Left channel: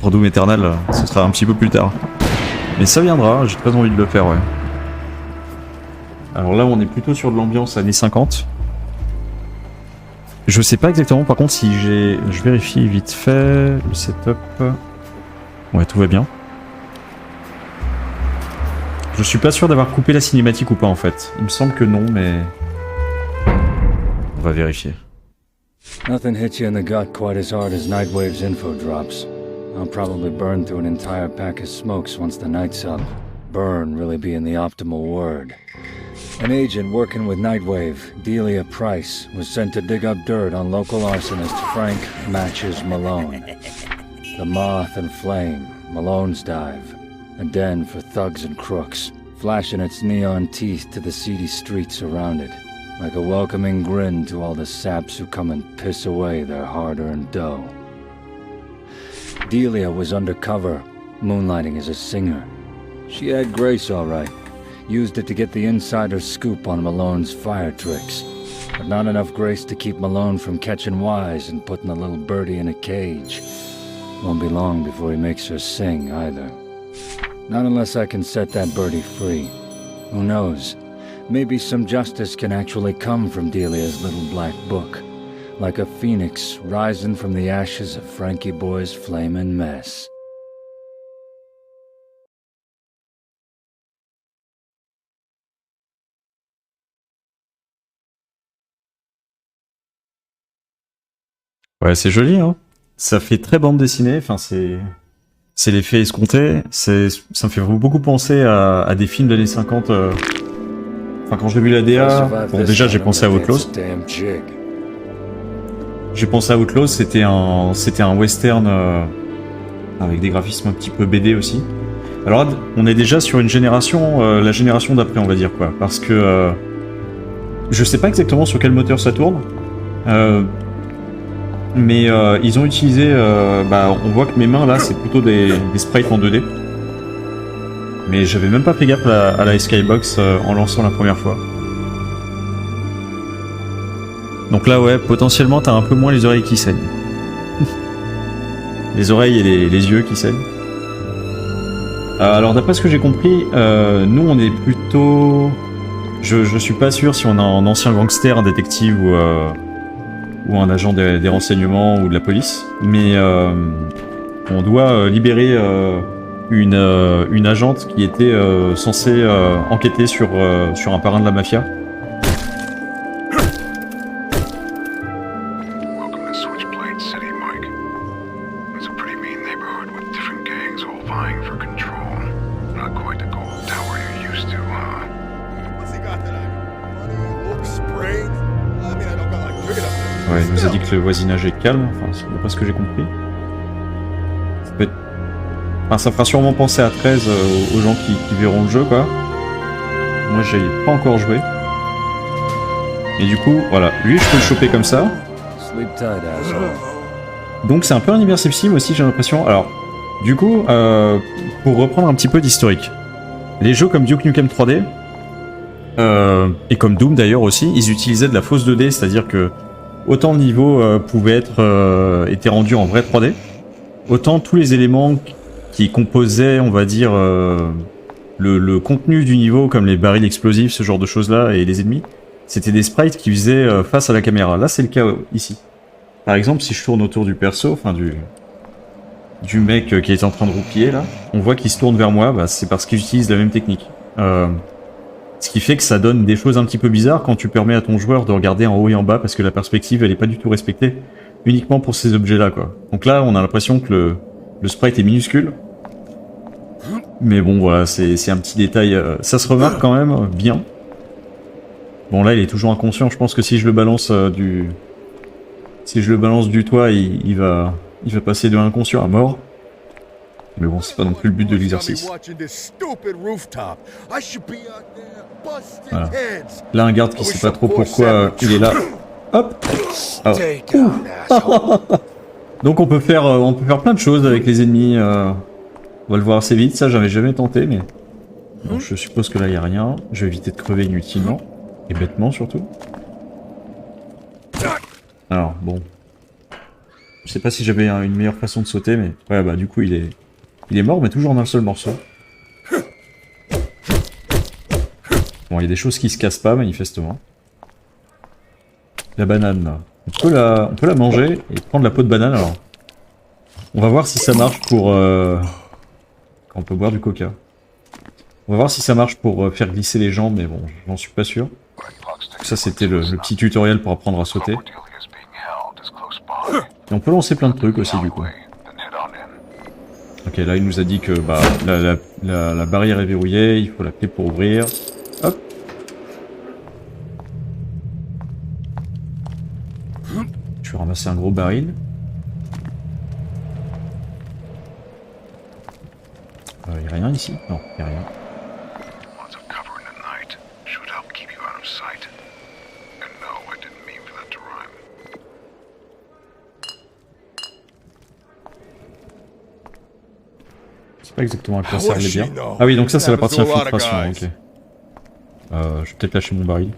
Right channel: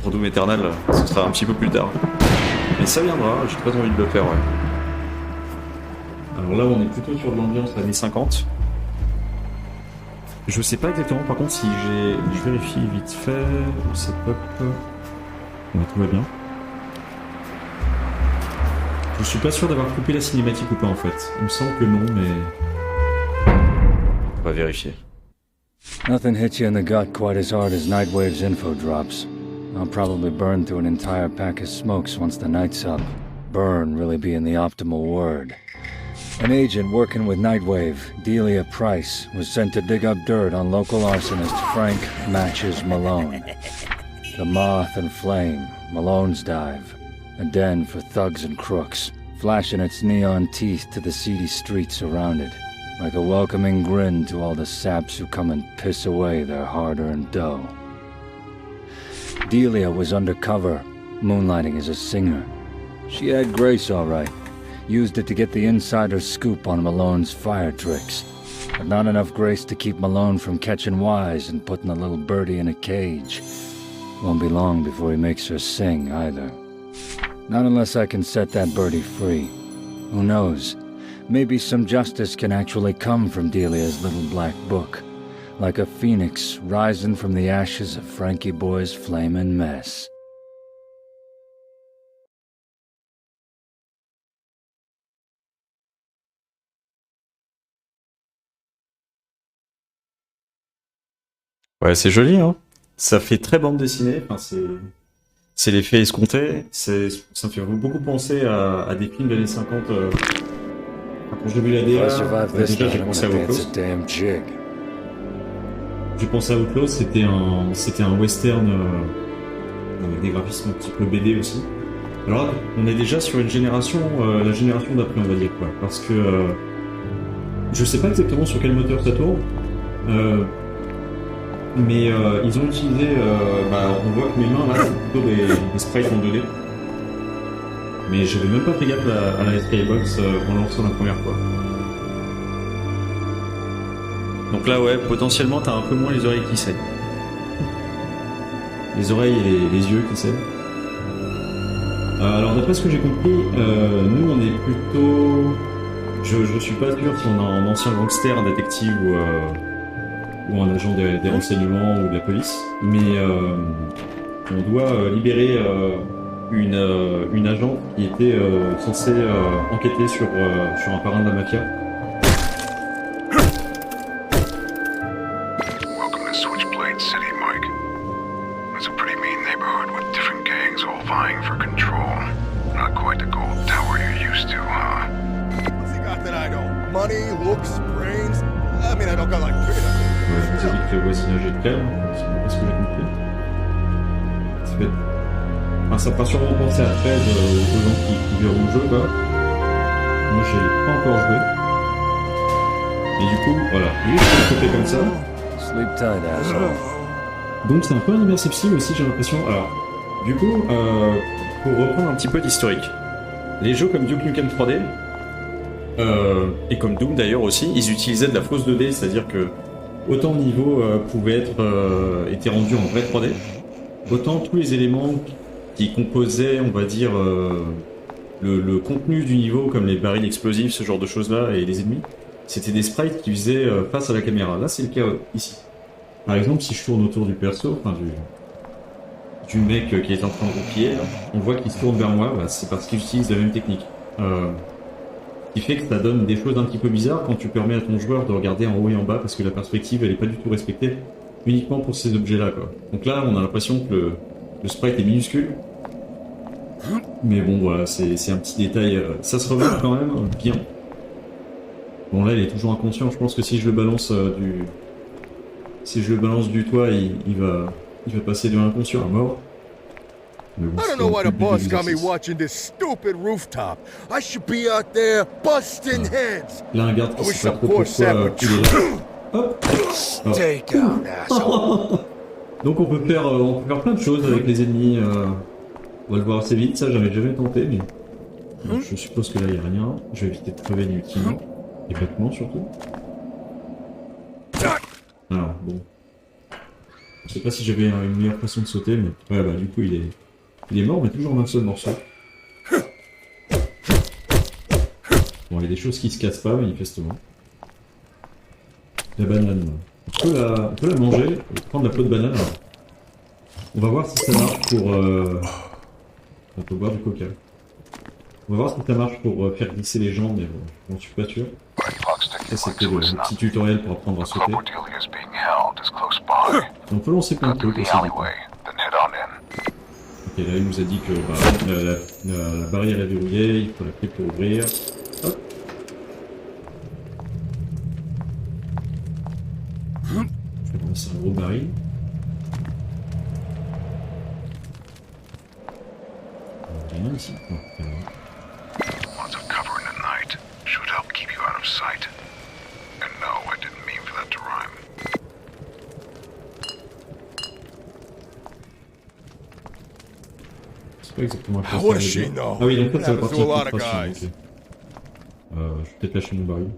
Pour Doom Eternal, ce sera un petit peu plus tard. Mais ça viendra, j'ai très envie de le faire, ouais. Alors là, on est plutôt sur de l'ambiance années 50. Je sais pas exactement, par contre, si j'ai... Je vérifie vite fait le setup. Ouais, tout va bien. Je suis pas sûr d'avoir coupé la cinématique ou pas, en fait. Il me semble que non, mais... On va vérifier. Nothing hits you in the gut quite as hard as Nightwave's info drops. I'll probably burn through an entire pack of smokes once the night's up. Burn really being the optimal word. An agent working with Nightwave, Delia Price, was sent to dig up dirt on local arsonist Frank Matches Malone. The Moth and Flame, Malone's Dive, a den for thugs and crooks, flashing its neon teeth to the seedy streets around it, like a welcoming grin to all the saps who come and piss away their hard-earned dough. Delia was undercover, moonlighting as a singer. She had grace, all right. Used it to get the insider scoop on Malone's fire tricks. But not enough grace to keep Malone from catching wise and putting the little birdie in a cage. Won't be long before he makes her sing, either. Not unless I can set that birdie free. Who knows? Maybe some justice can actually come from Delia's little black book. Like a phoenix rising from the ashes of Frankie Boy's flamin' mess. Ouais, c'est joli, hein. Ça fait très bande dessinée, enfin c'est l'effet escompté, ça me fait beaucoup penser à des films d'années 50. Enfin, quand j'ai vu la DA, bon, déjà j'ai pensé à Outlaws. J'ai pensé à Outlaws, c'était un western avec des graphismes un petit peu BD aussi. Alors là, on est déjà sur une génération, la génération d'après, on va dire, quoi. Parce que je sais pas exactement sur quel moteur ça tourne. Mais ils ont utilisé, on voit que mes mains là c'est plutôt des sprites en 2D. Mais j'avais même pas fait gaffe à la Skybox en lançant la première fois. Donc là ouais, potentiellement t'as un peu moins les oreilles qui saignent. Les oreilles et les yeux qui saignent. Alors d'après ce que j'ai compris, nous on est plutôt... Je suis pas sûr si on a un ancien gangster, un détective ou un agent des renseignements ou de la police, mais on doit libérer une agente qui était censée enquêter sur un parrain de la mafia. Welcome to Switchblade City, Mike. It's a pretty mean neighborhood with different gangs all vying for control. Not quite the gold tower you're used to, huh? What's he got that I don't? Money, looks, brains? I mean, I don't got like cricket up there. Ouais, il nous a dit que le voisinage est calme, enfin, c'est pas ce que j'ai compris. Ça peut être... Enfin, ça fera sûrement penser à 13 aux gens qui verront le jeu, quoi. Moi, j'ai pas encore joué. Et du coup, voilà, lui, je peux le choper comme ça. Sleep tight, asshole. Donc c'est un peu un immersive sim aussi, j'ai l'impression. Alors, du coup, pour reprendre un petit peu d'historique, les jeux comme Duke Nukem 3D, et comme Doom d'ailleurs aussi, ils utilisaient de la fausse 2D, c'est-à-dire que autant le niveau pouvait être était rendu en vrai 3D, autant tous les éléments qui composaient, on va dire, le contenu du niveau, comme les barils explosifs, ce genre de choses-là, et les ennemis, c'était des sprites qui faisaient face à la caméra. Là, c'est le cas ici. Par exemple, si je tourne autour du perso, enfin du mec qui est en train de roupiller, là, on voit qu'il se tourne vers moi, bah, c'est parce qu'il utilise la même technique. Ce qui fait que ça donne des choses un petit peu bizarres quand tu permets à ton joueur de regarder en haut et en bas, parce que la perspective, elle est pas du tout respectée, uniquement pour ces objets-là, quoi. Donc là, on a l'impression que le sprite est minuscule. Mais bon, voilà, c'est un petit détail. Ça se remarque quand même bien. Bon, là, il est toujours inconscient. Je pense que si je le balance du toit, il va passer de inconscient à mort. Mais bon, I c'est don't pas know non why plus the le but de boss got me l'exercice. watching this stupid rooftop. I should be out there busting heads. Là, un garde qui I wish sait pas some trop poor pourquoi sap il est là. Hop. Ah. Stay down, asshole. Donc on peut faire plein de choses avec les ennemis. On va le voir assez vite. Ça, j'avais jamais tenté, mais bon, je suppose que là, il y a rien. Je vais éviter de crever inutilement et bêtement surtout. Alors bon. Je sais pas si j'avais une meilleure façon de sauter, mais... Ouais, bah du coup, il est mort, mais toujours en un seul morceau. Bon, il y a des choses qui se cassent pas, manifestement. La banane, là. On peut la manger et prendre la peau de banane, alors. On va voir si ça marche pour... Quand on peut boire du coca. On va voir si ça marche pour faire glisser les jambes, mais bon, j'en suis pas sûr. Ça, c'était le petit tutoriel pour apprendre à sauter. Et on peut lancer plein de trucs aussi, du coup. Ok, là, il nous a dit que bah, la barrière est verrouillée, il faut la clé pour ouvrir. Hop. Je vais ramasser un gros baril. Il n'y a rien ici? Non, il n'y a rien. Lots of cover in the night should help keep you out of sight. And no, I didn't mean for that to rhyme. C'est pas exactement à quoi How ça was allait she, bien. no? Ah oui, donc ça, c'est la Happens partie to a lot of infiltration, guys. ok. Je vais peut-être lâcher mon baril.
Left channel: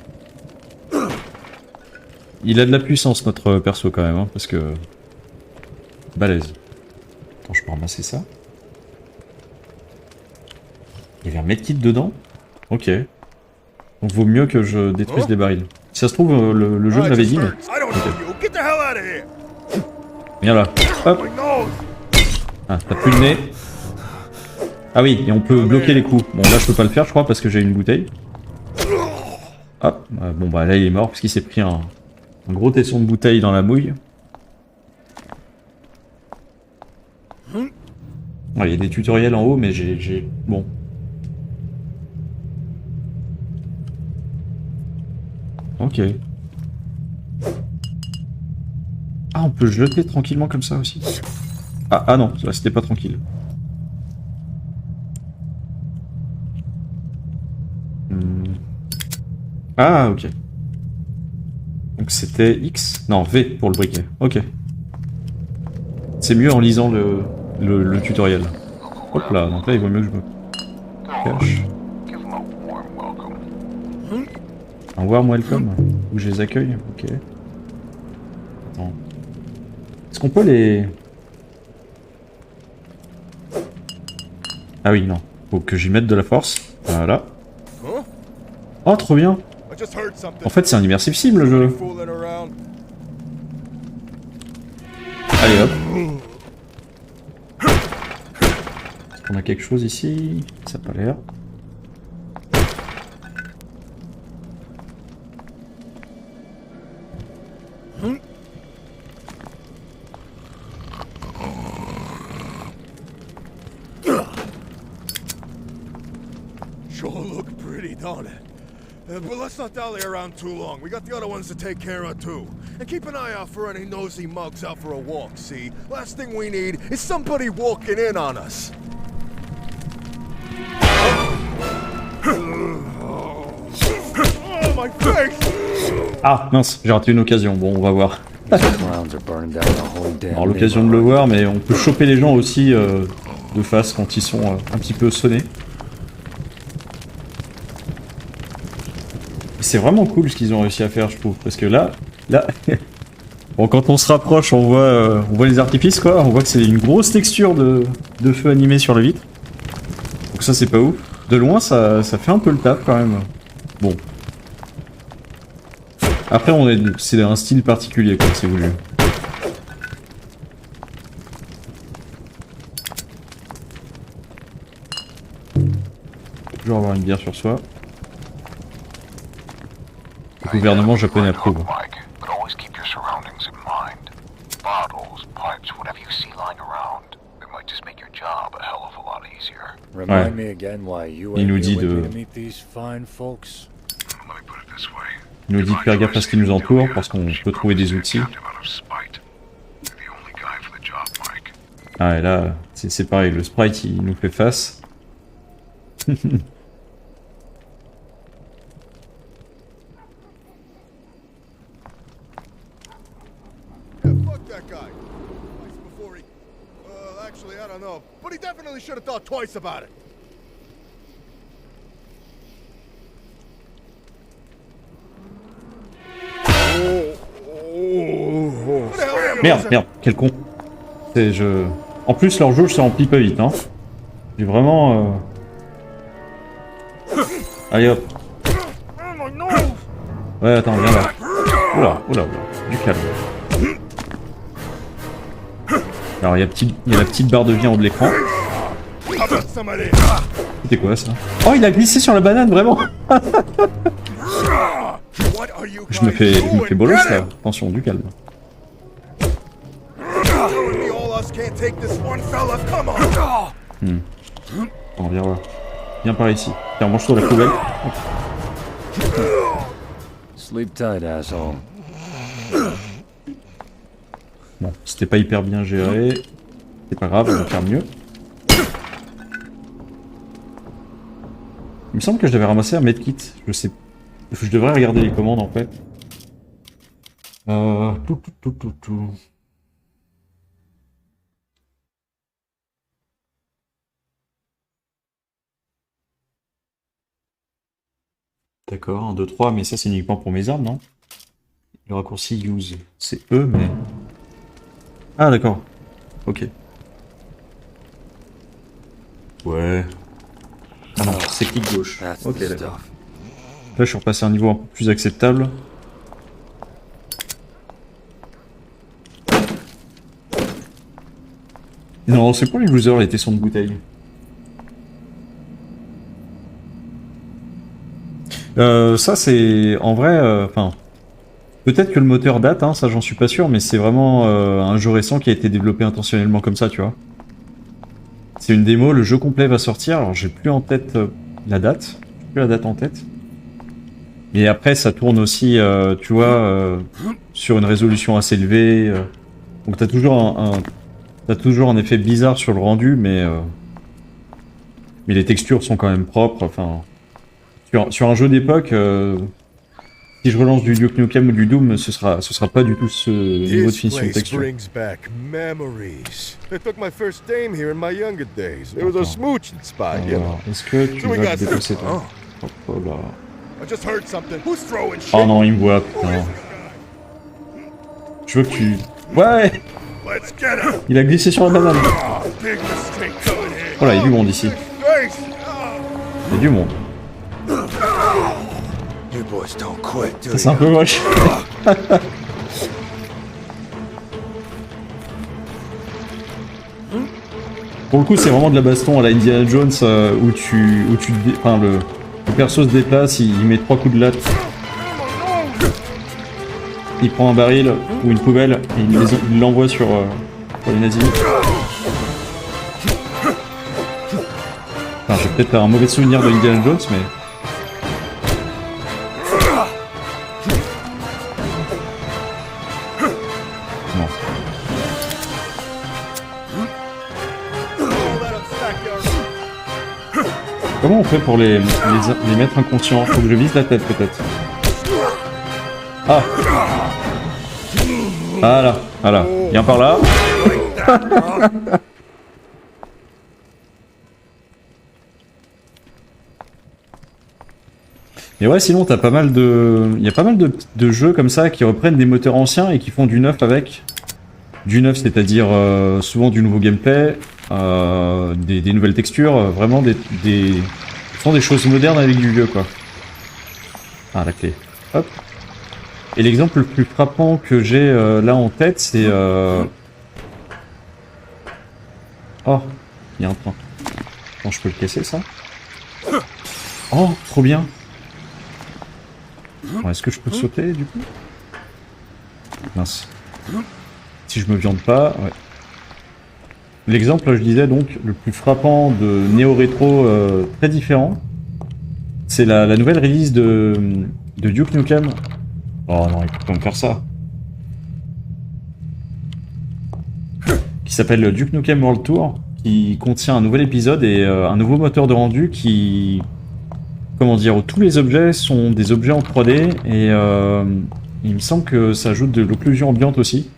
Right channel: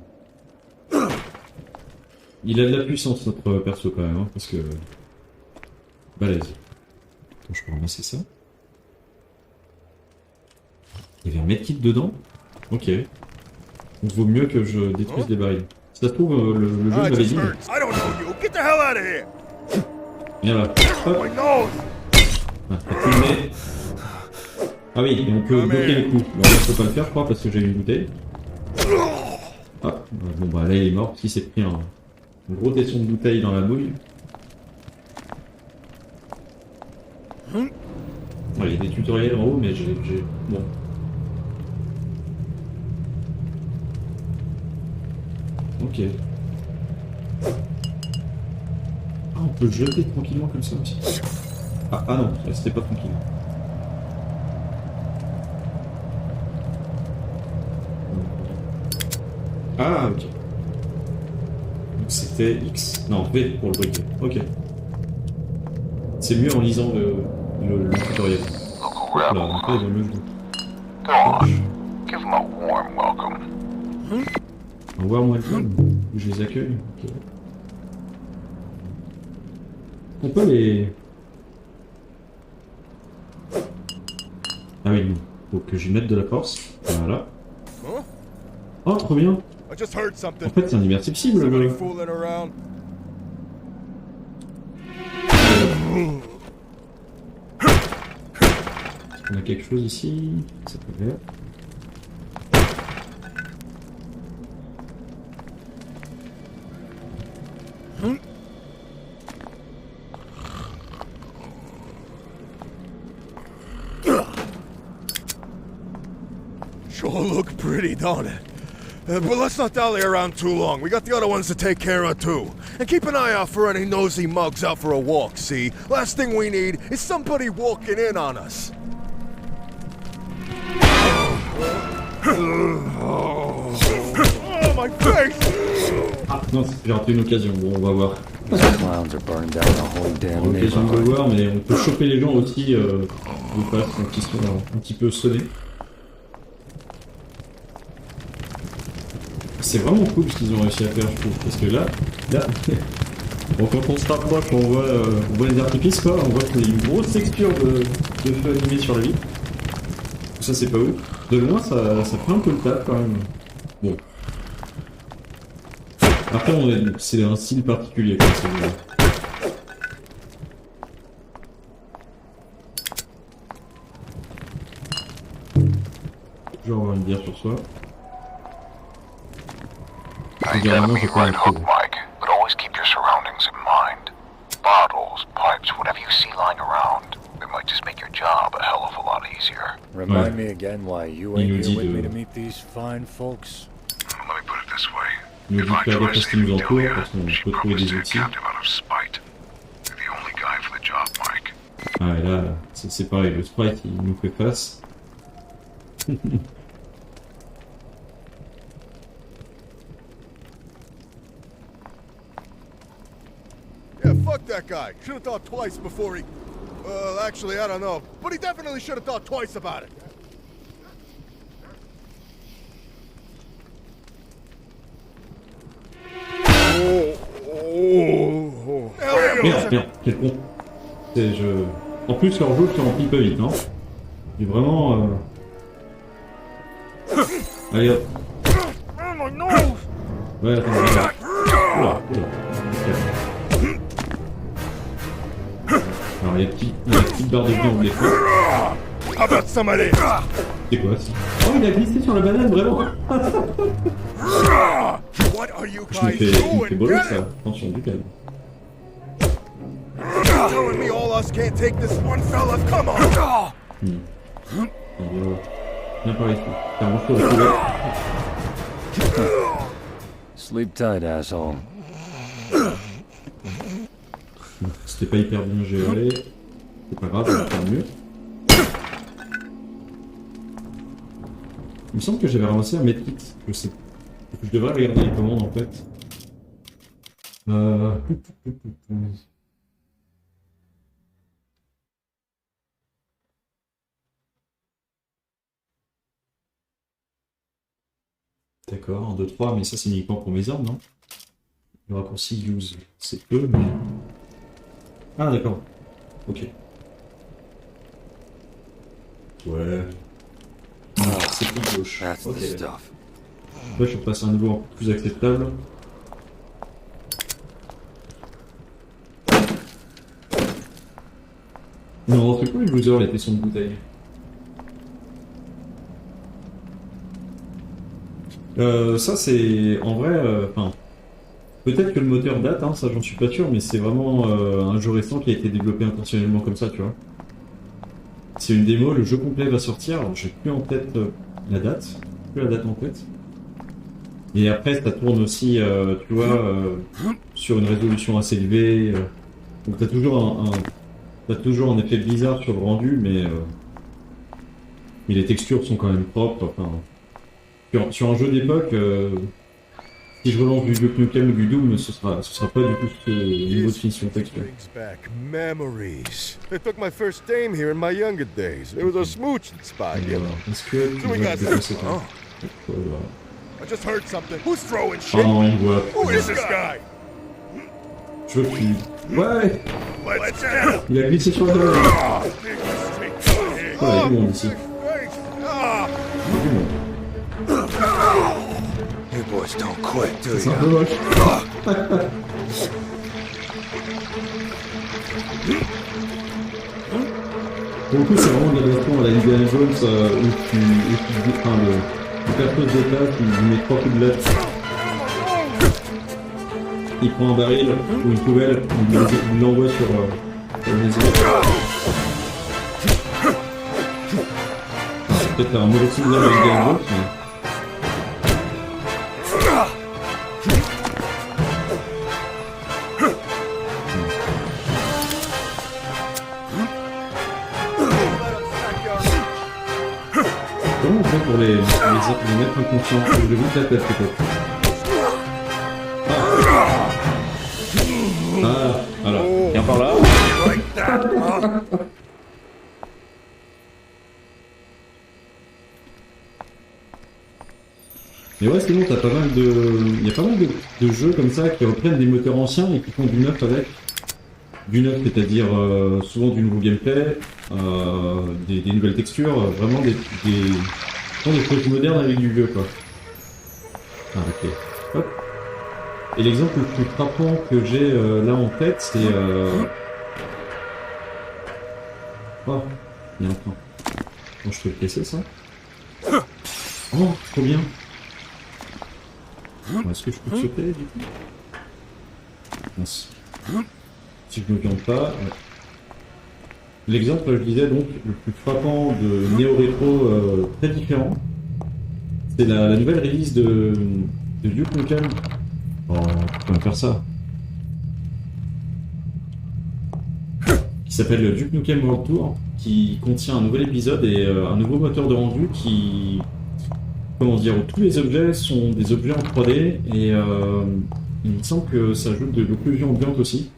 Il a de la puissance, notre perso, quand même, hein, parce que... Balèze. Attends, je peux ramasser ça. Il y avait un medkit dedans? Ok. Donc vaut mieux que je détruise des barils. Si ça se trouve, le jeu Ah, it l'avait just dit. mais- hurts. I don't know you. Get the hell out of here. Viens là. Hop. My nose. Ah, t'as plus le nez. Ah oui, et on peut bloquer les coups. Bon, là, je peux pas le faire, je crois, parce que j'ai une bouteille. Hop. Bon, bah là, il est mort, parce qu'il s'est pris un gros tesson de bouteille dans la mouille. Ouais, il y a des tutoriels en haut, mais j'ai... Bon. Ok. Ah, on peut jeter tranquillement comme ça aussi. Ah non, là c'était pas tranquille. Ah, ok. Donc c'était X? Non, V pour le briquet. Ok. C'est mieux en lisant le tutoriel. Hop là, donc là il vaut mieux que je... Gosh, give them a warm welcome. Un warm welcome, où je les accueille, ok. Non. Est-ce qu'on peut les... Ah oui, non. Faut que j'y mette de la force. Voilà. Huh? Oh, trop bien. I just heard something. En fait, c'est un immersif sim, le Somebody jeu. fooling around. Allez, hop. Est-ce qu'on a quelque chose ici? Ça n'a pas l'air. Sure look pretty, don't it? But let's not dally around too long. We got the other ones to take care of too. And keep an eye out for any nosy mugs out for a walk, see? Last thing we need is somebody walking in on us. Oh, my face! Ah, mince, j'ai raté une occasion. Bon, on va voir. These clowns are burning down the whole damn Alors, l'occasion de le neighborhood. voir, mais on peut choper les gens aussi de face quand ils sont un petit peu sonnés. C'est vraiment cool ce qu'ils ont réussi à faire, je trouve, parce que là, bon, quand on se rapproche, on voit les artifices, quoi. On voit que c'est une grosse texture de feu animé sur la vitre. Donc ça, c'est pas ouf. De loin, ça fait un peu le taf quand même. Bon. Après, c'est un style particulier, quoi, si vous voulez. Toujours avoir une bière sur soi. Le gouvernement japonais approuve. Mike, but always keep your surroundings in mind. Bottles, pipes, whatever you see lying around. It might just make your job a hell of a lot easier. Remind me again why you Il ain't nous here dit with de- me to meet these fine folks. Let me put it this way. Il nous dit de If I faire try gaffe à ce qui nous saving entoure, Delia, parce qu'on she'd peut trouver probably des stay outils. captive out of spite. You're the only guy for the job, Mike. Ah, et là, c'est pareil, le sprite, il nous fait face. Yeah, fuck that guy. Should have thought twice before he... actually, I don't know. But he definitely should have thought twice about it. What the hell Merde, quel con. En plus, leur jauge, ça remplit pas vite, hein. J'ai vraiment... Allez hop. Ouais, attends, viens là. Oula, du calme. Alors, il y a la petite barre de vie en haut de l'écran. How about somebody? C'était quoi, ça? Oh, il a glissé sur la banane, vraiment. What are you Je me guys fais doing? bolos, Get là. him! Attention, du calme. Telling me all us can't take this one fella? Come on! On viens voir. Viens par ici. Tiens, mange-toi la poubelle. Sleep tight, asshole. Bon, c'était pas hyper bien géré. C'est pas grave, on va faire mieux. Il me semble que j'avais ramassé un medkit. Je sais. Je devrais regarder les commandes en fait. Tout. D'accord, 1, 2, 3, mais ça c'est uniquement pour mes armes, non? Le raccourci use, c'est E, mais... Ah d'accord, ok. Ouais. Alors, c'est clic gauche. That's Ok, the d'accord. stuff. Là, je suis repassé à un niveau un peu plus acceptable. Non, c'est quoi les losers, les tessons de bouteille? Ça, c'est... En vrai, enfin... peut-être que le moteur date, hein, ça j'en suis pas sûr, mais c'est vraiment un jeu récent qui a été développé intentionnellement comme ça, tu vois. C'est une démo, le jeu complet va sortir, alors j'ai plus en tête la date. J'ai plus la date en tête. Et après, ça tourne aussi, tu vois, sur une résolution assez élevée. Donc t'as toujours un effet bizarre sur le rendu, mais les textures sont quand même propres. Enfin, sur un jeu d'époque, si je relance du Duke Nukem ou du Doom, ce sera pas du tout ce niveau de This finition de place texture. brings back memories. I took my first dame here in my younger days. It was a smooching spot, you know. Est-ce que tu So we vas got déplacer some. toi? Oh, Oh, bah. I just heard something. Who's throwing shit? Oh non, il me voit. Who is this guy? Je veux que tu... Ouais. Let's get him! Il a glissé sur la banane. Big mistake coming here. Voilà, il y a du monde ici. Face! Ah! Il y a du monde. You boys don't quit, do C'est un peu moche. Pour le coup, c'est vraiment de la baston à la Indiana Jones enfin, le perso se déplace, il met 3 coups de latte. Il prend un baril ou une poubelle, et il l'envoie sur les nazis. Enfin, j'ai peut-être un mauvais souvenir de Indiana Jones, mais... Comment on fait pour les mettre inconscients? Faut que je vise la tête peut-être. Ah. Voilà. Viens par là. Et ouais, sinon t'as pas mal de... Il y a pas mal de jeux comme ça qui reprennent des moteurs anciens et qui font du neuf avec. Du neuf, c'est-à-dire souvent du nouveau gameplay, des nouvelles textures, vraiment font des choses modernes avec du vieux, quoi. Ah, la clé. Hop. Et l'exemple le plus frappant que j'ai là en tête, c'est... Oh, il y a un point. Bon, je peux le casser, ça? Oh, trop bien. Bon, est-ce que je peux sauter, du coup? Mince. Si je me viande pas, ouais. L'exemple, je disais donc, le plus frappant de néo-rétro très différent, c'est la nouvelle release de Duke Nukem. Oh non, il faut quand même faire ça. Qui s'appelle Duke Nukem World Tour, qui contient un nouvel épisode et un nouveau moteur de rendu qui... Comment dire, où tous les objets sont des objets en 3D et il me semble que ça ajoute de l'occlusion ambiante aussi.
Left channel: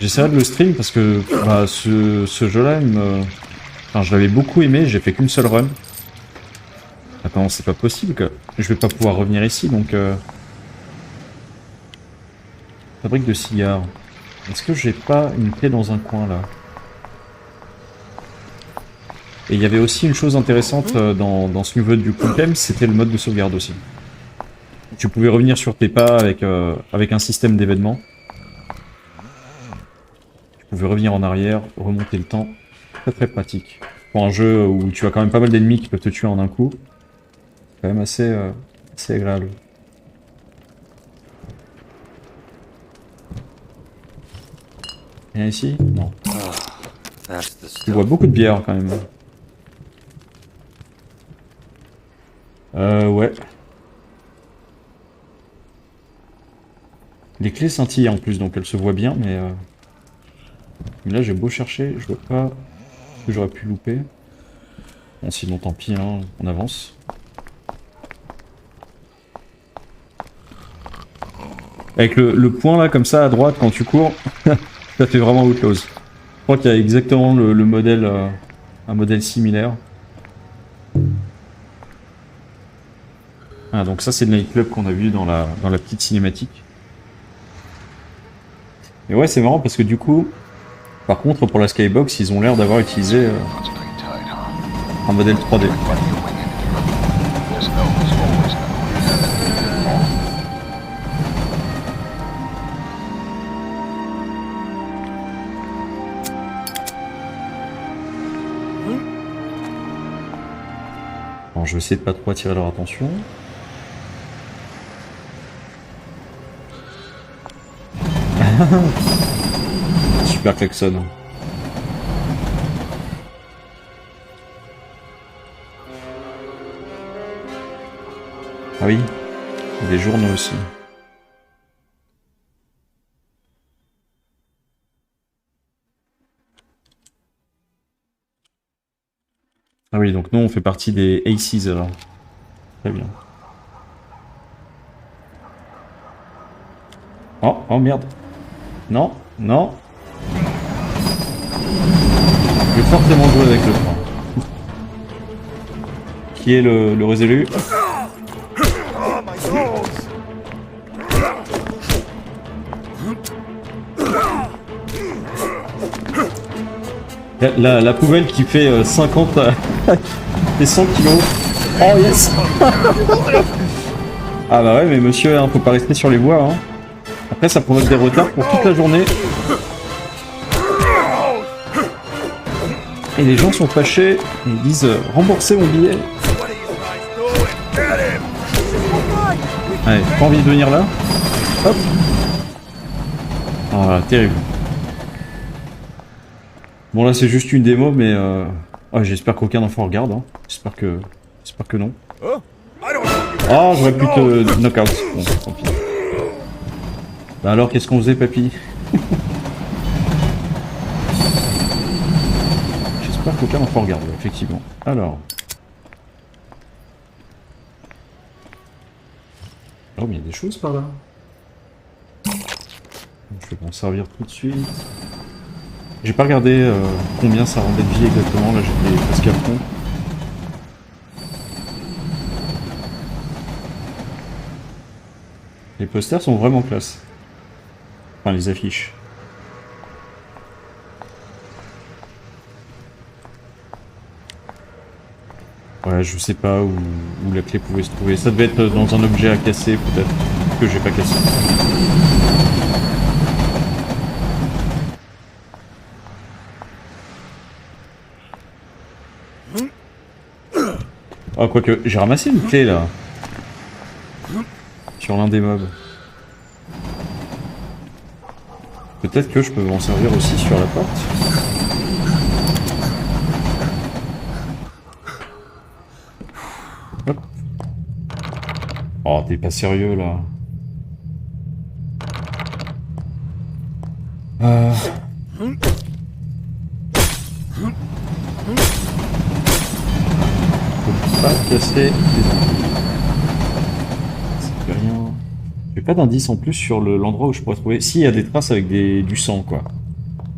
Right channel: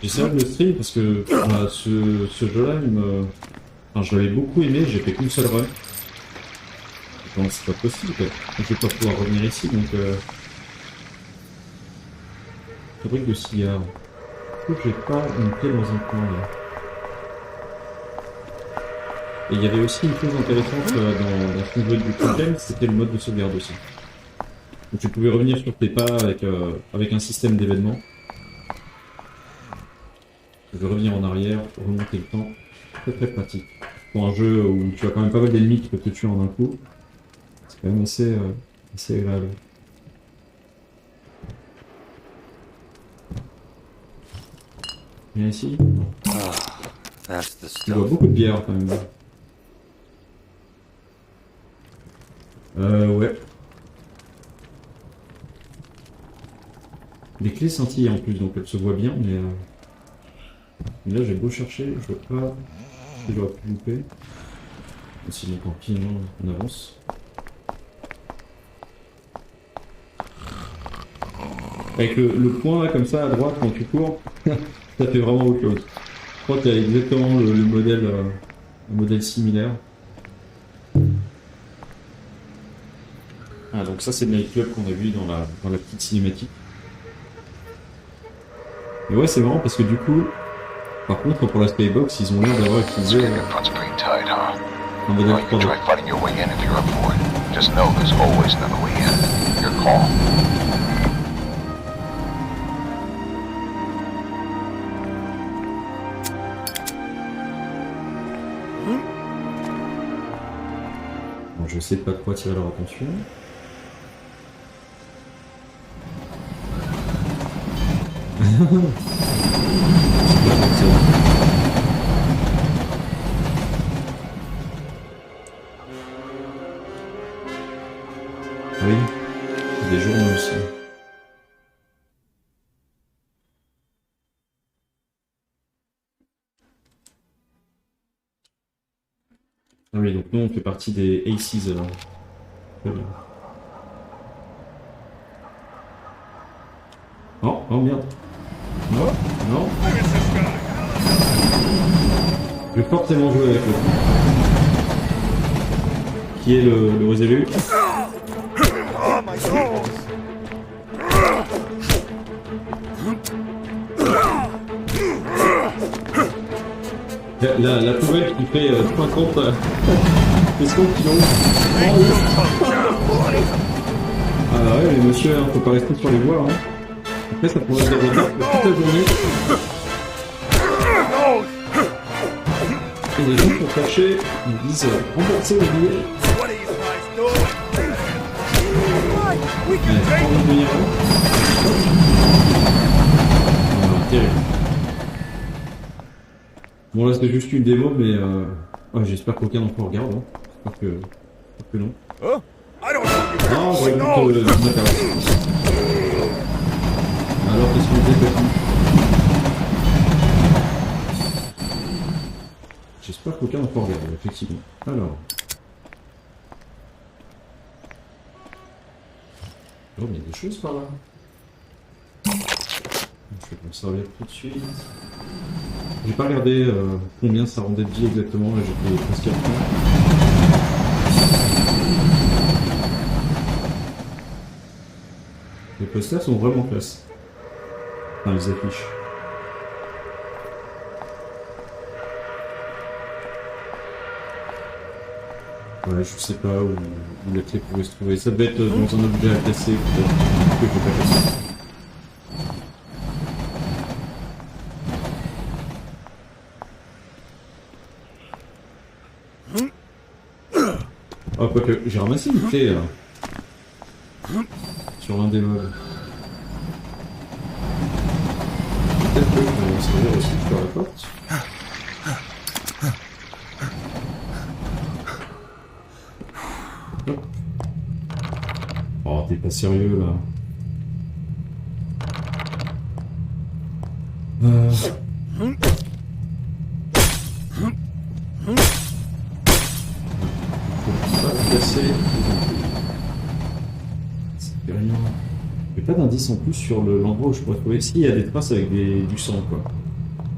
J'essaierai de le stream parce que ce jeu-là, enfin, je l'avais beaucoup aimé, j'ai fait qu'une seule run. Attends, c'est pas possible que je vais pas pouvoir revenir ici, donc... Fabrique de cigares. Est-ce que j'ai pas une clé dans un coin là? Et il y avait aussi une chose intéressante dans ce niveau du problème, c'était le mode de sauvegarde aussi. Où tu pouvais revenir sur tes pas avec un système d'événements. Tu pouvais revenir en arrière, remonter le temps. Très très pratique. Pour un jeu où tu as quand même pas mal d'ennemis qui peuvent te tuer en un coup. C'est quand même assez agréable. Et ici? Non. That's the Tu vois stuff. beaucoup de bière quand même. Ouais. Les clés scintillent en plus, donc elles se voient bien, mais là j'ai beau chercher, je vois pas ce que j'aurais pu louper. Bon, sinon tant pis, hein, on avance. Avec le point là, comme ça, à droite, quand tu cours, ça fait vraiment Outlawz. Je crois qu'il y a exactement le modèle, un modèle similaire. Ah, donc ça c'est le nightclub qu'on a vu dans la petite cinématique. Et ouais, c'est marrant parce que du coup, par contre, pour la Skybox, ils ont l'air d'avoir utilisé Your front's pretty tight, huh? un modèle Well, you can 3D. try fighting your way in if you're up for it. Just know there's always another way in. Your call. Alors, je vais essayer de pas trop attirer leur attention. Super klaxon. Ah oui, des journaux aussi. Ah oui, donc nous on fait partie des Aces alors. Très bien. Oh merde. Non, non. Je vais forcément jouer avec le point. Qui est le résolu? Oh, my nose! La poubelle qui fait 50 et 100 kilos. Oh yes. Ah bah ouais, mais monsieur, hein, faut pas rester sur les voies. Hein. Après, ça pourrait être des retards pour toute la journée. Et les gens sont fâchés, ils disent rembourser mon billet. What are you guys doing? Get him! Ouais, pas envie de venir là. Hop. Oh, voilà, terrible. Bon là c'est juste une démo, mais j'espère qu'aucun enfant regarde. Hein. J'espère que non. Huh? I don't know you. Ah, j'aurais voulu te knockout. Alors qu'est-ce qu'on faisait, papy? J'espère qu'aucun enfant regarde, effectivement. Alors. Oh, mais il y a des choses par là. Je vais m'en servir tout de suite. J'ai pas regardé combien ça rendait de vie exactement, là j'étais presque à fond. Les posters sont vraiment classe. Enfin, les affiches. Ouais, je sais pas où la clé pouvait se trouver. Ça devait être dans un objet à casser, peut-être, que j'ai pas cassé. Ah, quoique, j'ai ramassé une clé là. Sur l'un des mobs. Peut-être que je peux m'en servir aussi sur la porte. Hop. Oh, t'es pas sérieux là. Pas casser. C'est rien. J'ai pas d'indice en plus sur l'endroit où je pourrais trouver. Si, il y a des traces avec du sang, quoi.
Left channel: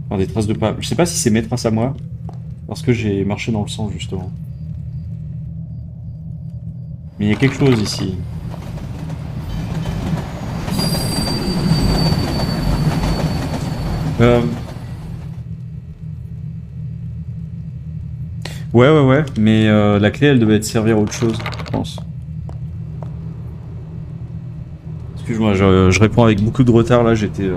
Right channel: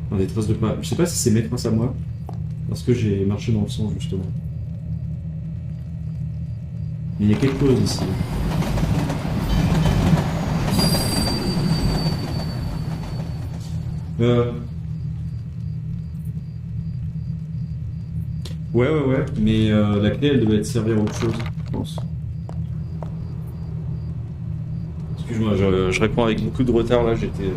Enfin, des traces de pas. Je sais pas si c'est mes traces à moi. Parce que j'ai marché dans le sang, justement. Mais il y a quelque chose ici. Euh... Ouais, mais la clé, elle devait être servir à autre chose, je pense. Excuse-moi, je réponds avec beaucoup de retard, là, j'étais...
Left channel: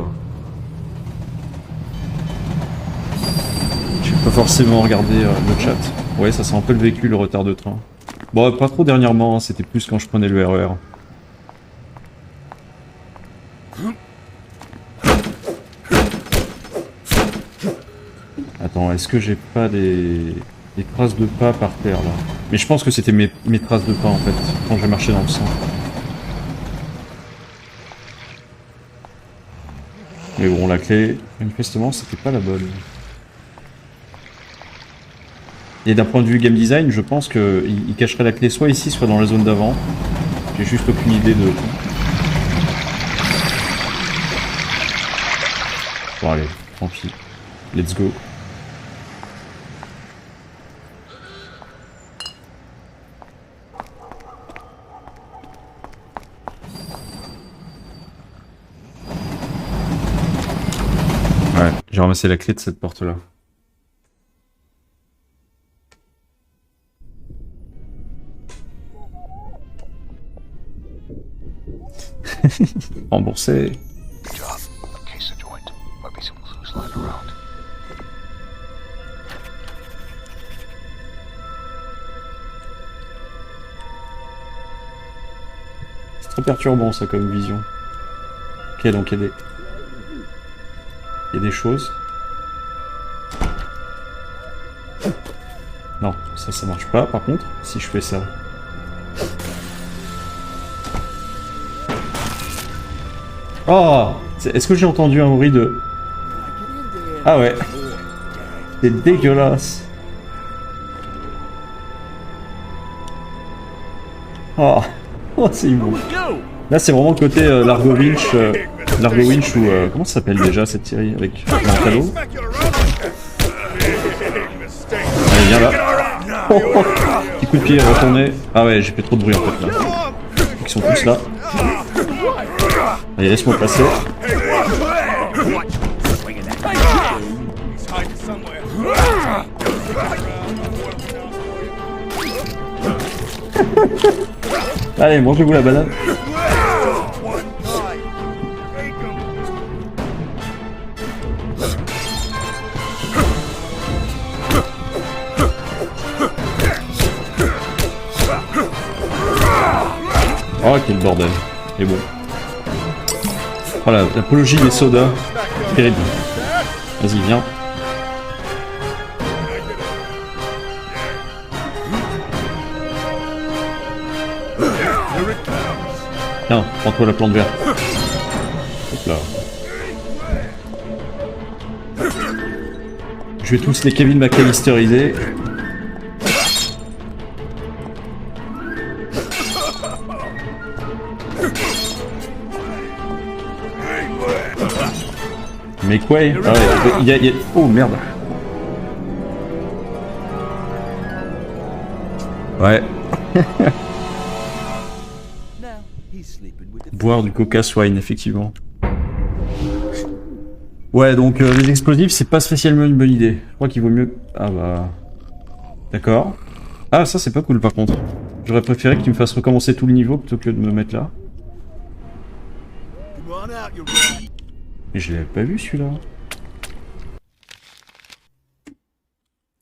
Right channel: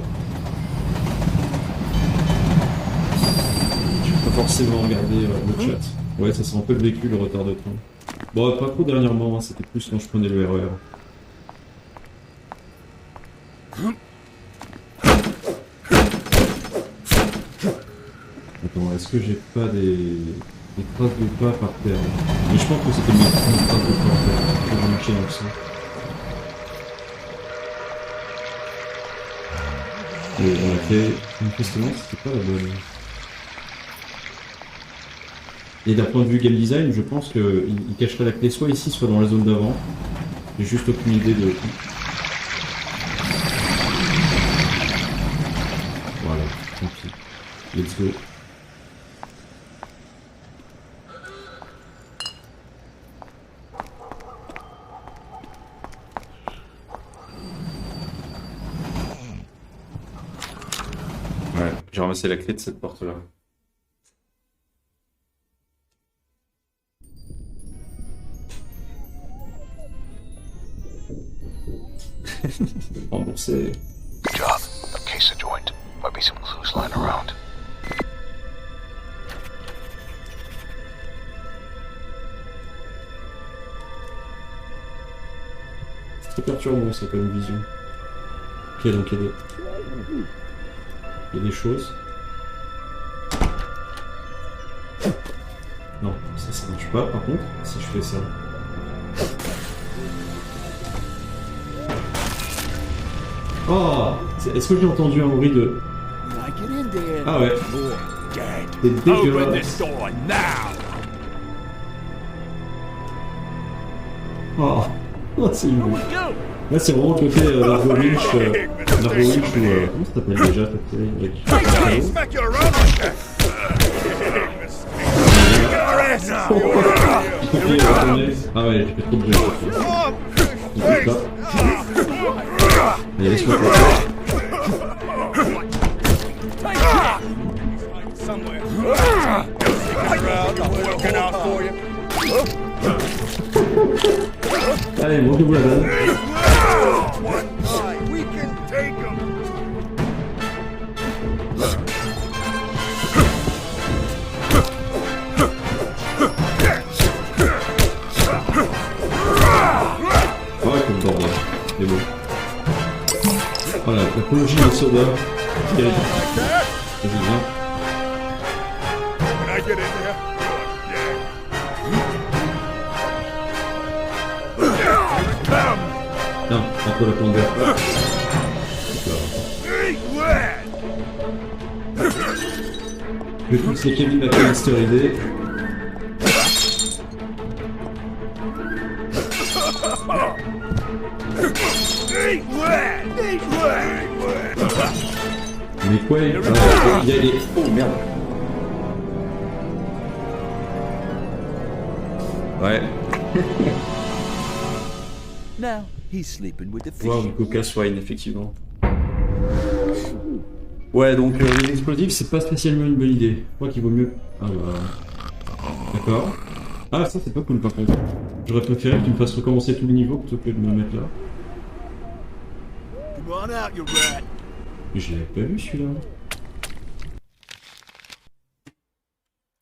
J'ai pas forcément regardé le chat. Ouais, ça sent un peu le vécu, le retard de train. Bon, pas trop dernièrement, hein, c'était plus quand je prenais le RER. Attends, est-ce que j'ai pas des traces de pas par terre, là? Mais je pense que c'était mes traces de pas, en fait, quand je marchais dans le sang. Mais bon, la clé, manifestement, c'était pas la bonne. Et d'un point de vue game design, je pense qu'il cacherait la clé soit ici, soit dans la zone d'avant. J'ai juste aucune idée de... Bon allez, tranquille. Let's go. Ouais, j'ai ramassé la clé de cette porte-là. Remboursé. Good job. A case of joint. Might be some clues lying around. C'est trop perturbant ça comme vision. Ok, donc il y a des choses. Non, ça marche pas par contre, si je fais ça. Oh, est-ce que j'ai entendu un bruit de... Ah ouais. C'est dégueulasse. Oh, oh c'est immonde. Là c'est vraiment le côté Largo Winch ou... comment ça s'appelle déjà cette série avec... Petit coup de pied retourné. Ah ouais, j'ai fait trop de bruit. Ils sont tous là. Allez, laisse-moi passer. Allez, mangez-vous la banane. Oh, quel bordel. Et bon. Voilà, l'apologie des sodas. Terrible. Vas-y, viens. Tiens, prends-toi la plante verte. Là. Je vais tous les Kevin McAllisterisés. Mais quoi il y a... Oh merde. Ouais. Boire du coca swine, effectivement. Ouais, donc les explosifs, c'est pas spécialement une bonne idée. Je crois qu'il vaut mieux... Ah bah... D'accord. Ah, ça c'est pas cool par contre. J'aurais préféré que tu me fasses recommencer tout le niveau plutôt que de me mettre là. Mais je l'avais pas vu celui-là.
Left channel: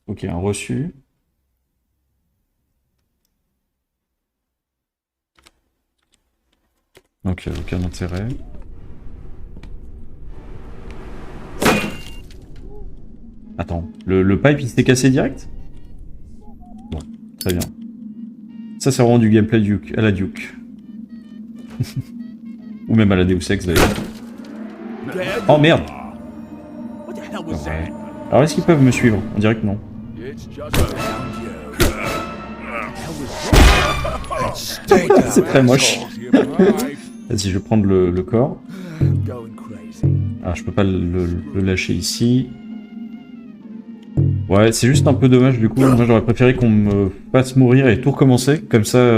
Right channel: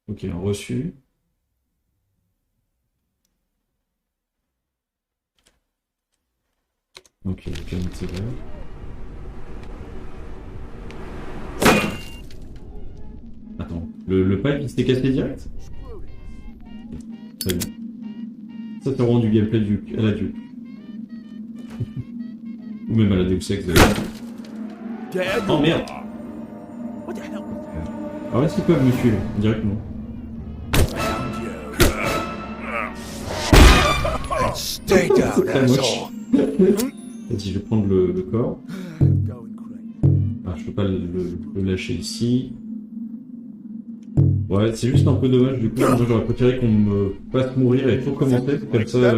Ok, un reçu. Donc aucun intérêt. Attends, le pipe il s'était cassé direct? Bon, très bien. Ça c'est vraiment du gameplay Duke, à la Duke. Ou même à la Deus Ex d'ailleurs. Oh merde! Alors est-ce qu'ils peuvent me suivre? On dirait que non. C'est très moche. Vas-y, je vais prendre le corps. Ah, je peux pas le lâcher ici. Ouais, c'est juste un peu dommage du coup. Moi j'aurais préféré qu'on me fasse mourir et tout recommencer. Comme ça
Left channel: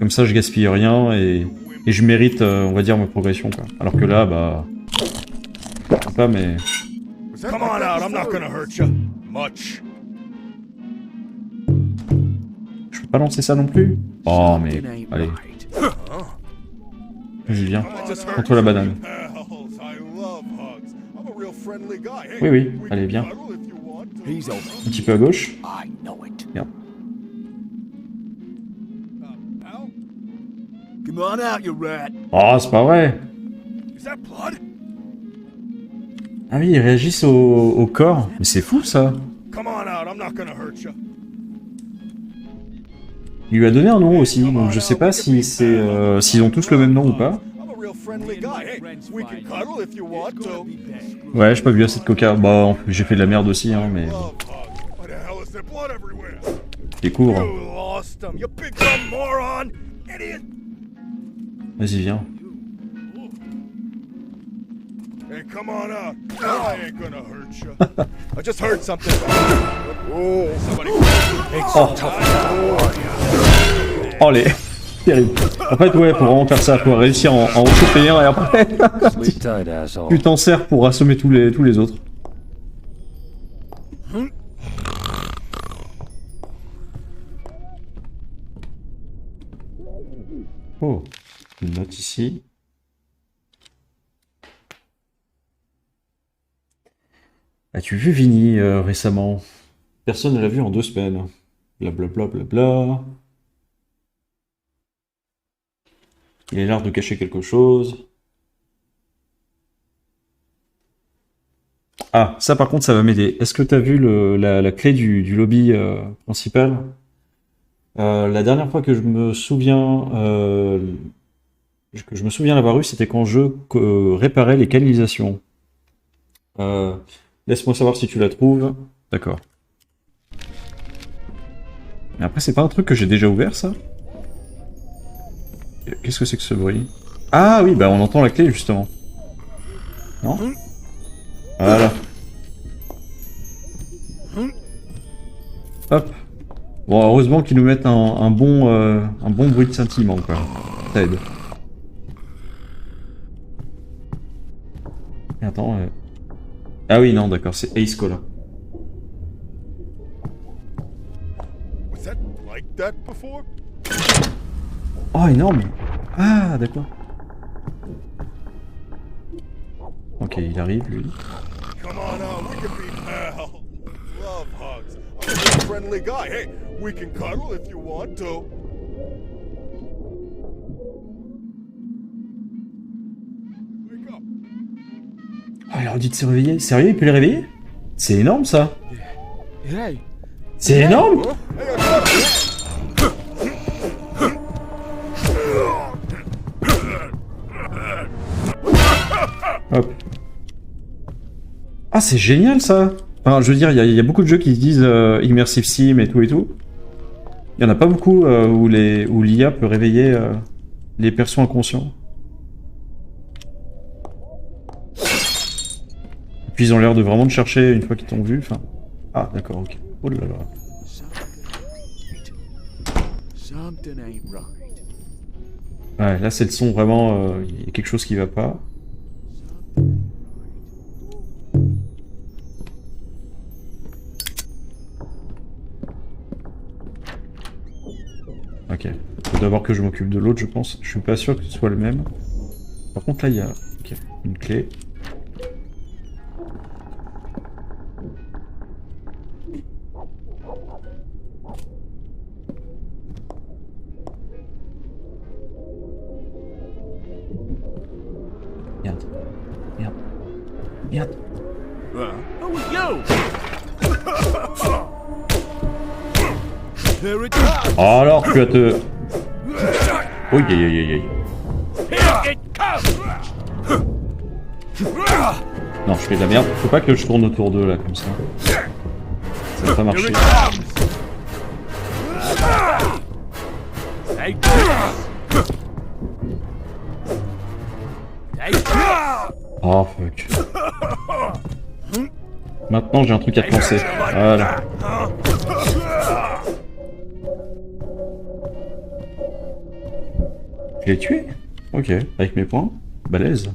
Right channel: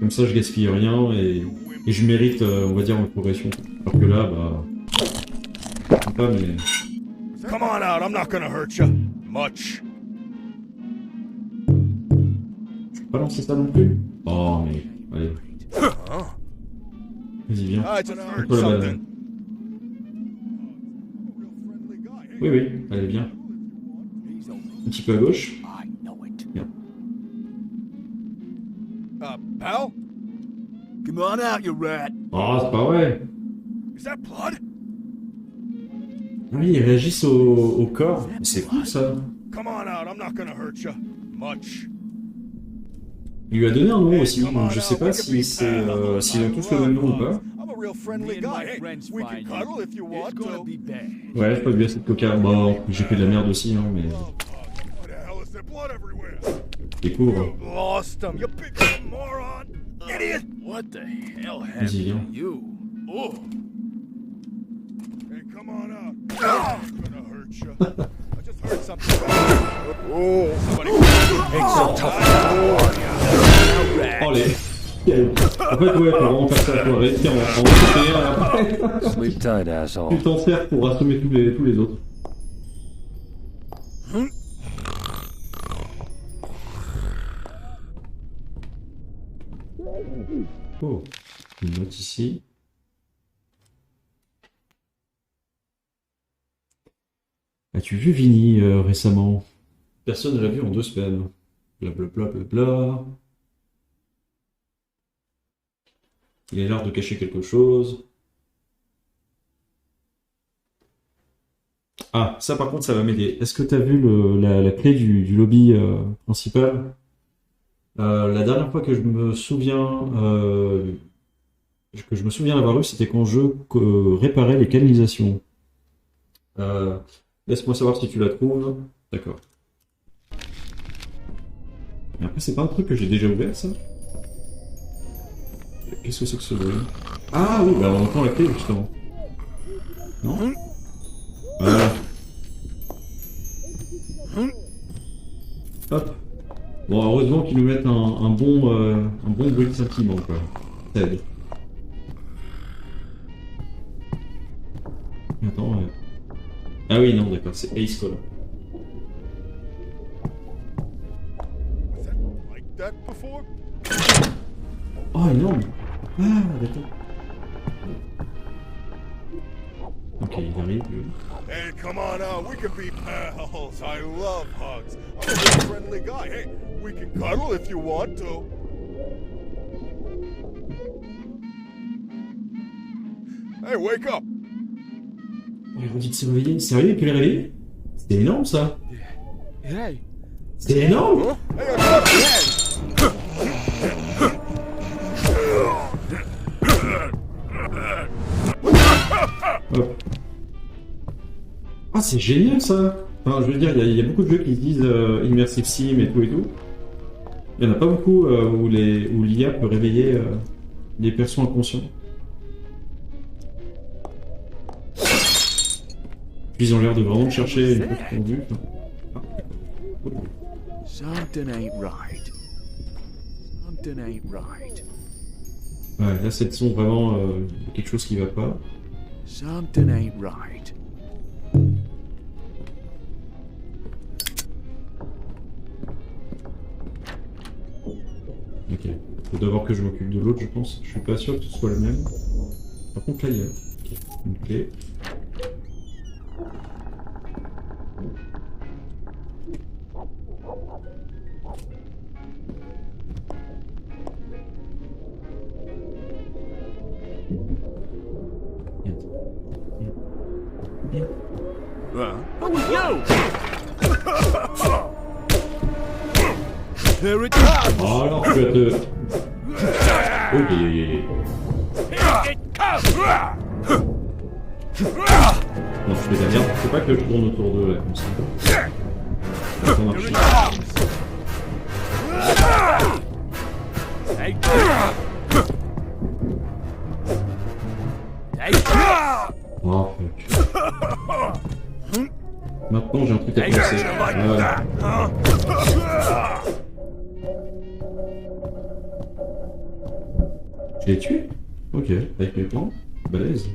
je gaspille rien et je mérite, on va dire, ma progression. Quoi. Alors que là, bah... sympa, mais... Come on out, I'm not gonna hurt you. Much. Je peux pas lancer ça non plus? Oh, mais... Allez. Vas-y, viens. I just heard Contre la banane. something. Hells, I love hugs. I'm a real friendly guy. Hey, Oui, oui. we Allez, can viens. cuddle if you want to. He's over. Un petit peu à gauche. I know it. Merde. Pal? Come on out, you rat. Oh, c'est pas vrai. Is that blood? Ah oui, ils réagissent au corps. Mais c'est fou, ça. Come on out, I'm not gonna hurt you. Much. Il lui a donné un nom aussi, donc je sais pas si c'est s'ils ont tous le même nom ou pas. I'm a real friendly guy. Hey, we can cuddle if you want to. Ouais, j'ai pas vu assez de coca. Bah, j'ai fait de la merde aussi, hein, mais... Love hugs. What the hell is there blood everywhere? Découvre. You lost him, you big dumb moron! Idiot! What the hell Vas-y, viens. you? Oh. Hey, come on out. I ain't gonna hurt you. I just heard something. Oh, somebody. Oh, les... Terrible. En fait, ouais, pour vraiment faire ça, faut réussir en choper un et après... Sleep tight, asshole. Tu t'en sers pour assommer tous les autres. Oh, une note ici. As-tu vu Vinny récemment? Personne ne l'a vu en 2 semaines. Blablabla. Bla, bla, bla. Il a l'air de cacher quelque chose. Ah, ça par contre, ça va m'aider. Est-ce que tu as vu la clé du lobby principal? La dernière fois que je me souviens l'avoir eu, c'était quand je réparais les canalisations. Laisse-moi savoir si tu la trouves. D'accord. Mais après, c'est pas un truc que j'ai déjà ouvert, ça? Qu'est-ce que c'est que ce bruit? Ah oui, bah on entend la clé, justement. Non? Voilà. Hop. Bon, heureusement qu'ils nous mettent un bon bruit de sentiment, quoi. Ça aide. Et attends... Ah oui, non, d'accord, c'est Ace Cola. Was that like that before? Oh, énorme! Ah, d'accord. Ok, il arrive, lui. Hey, come on out. We can be pals. I love hugs. I'm a real friendly guy. Hey, we can cuddle if you want to. Hey, wake up. Oh, il leur dit de se réveiller. Sérieux, il peut les réveiller? C'est énorme, ça! Hey. C'est énorme! Hey, shut up. Hop. Ah, c'est génial, ça! Enfin, je veux dire, il y a beaucoup de jeux qui se disent Immersive Sim et tout et tout. Il y en a pas beaucoup où l'IA peut réveiller les persos inconscients. Puis ils ont l'air de vraiment te chercher une fois qu'ils t'ont vu. Enfin... Ah, d'accord, ok. Oh là là. Something ain't right. Something ain't right. Ouais, là c'est le son vraiment. Il y a quelque chose qui va pas. Something ain't right. Ok. Faut d'abord que je m'occupe de l'autre, je pense. Je suis pas sûr que ce soit le même. Par contre, là il y a ok, une clé. Merde. Merde. Merde. Who was you? Here it comes. Oh, alors tu vas te... Oui, Non, je fais de la merde. Faut pas que je tourne autour d'eux là, comme ça. Ça va pas marcher. Hey. Hey. Oh, fuck. Maintenant, j'ai un truc à penser. Voilà. Je l'ai tué? Ok, avec mes points. Balèze.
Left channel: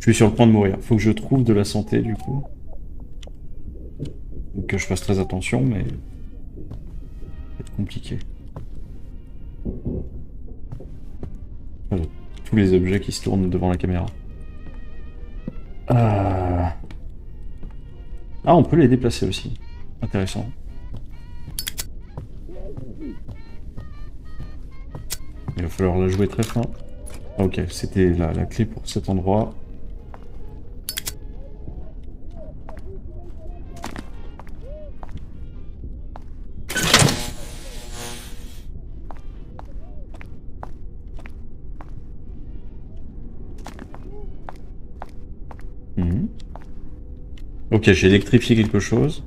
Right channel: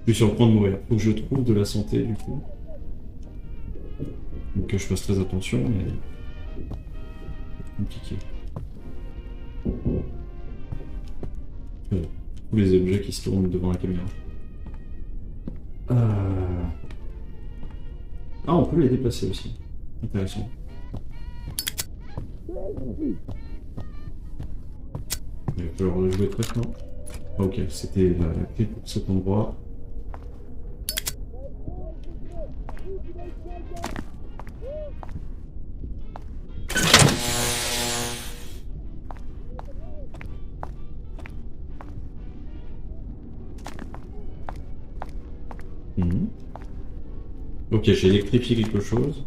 Je suis sur le point de mourir. Faut que je trouve de la santé du coup. Donc que je fasse très attention, mais... Ça va être compliqué. Voilà. Tous les objets qui se tournent devant la caméra. Ah, on peut les déplacer aussi. Intéressant. Il va falloir la jouer très fin. Ok, c'était la clé pour cet endroit. Ok, j'ai électrifié quelque chose.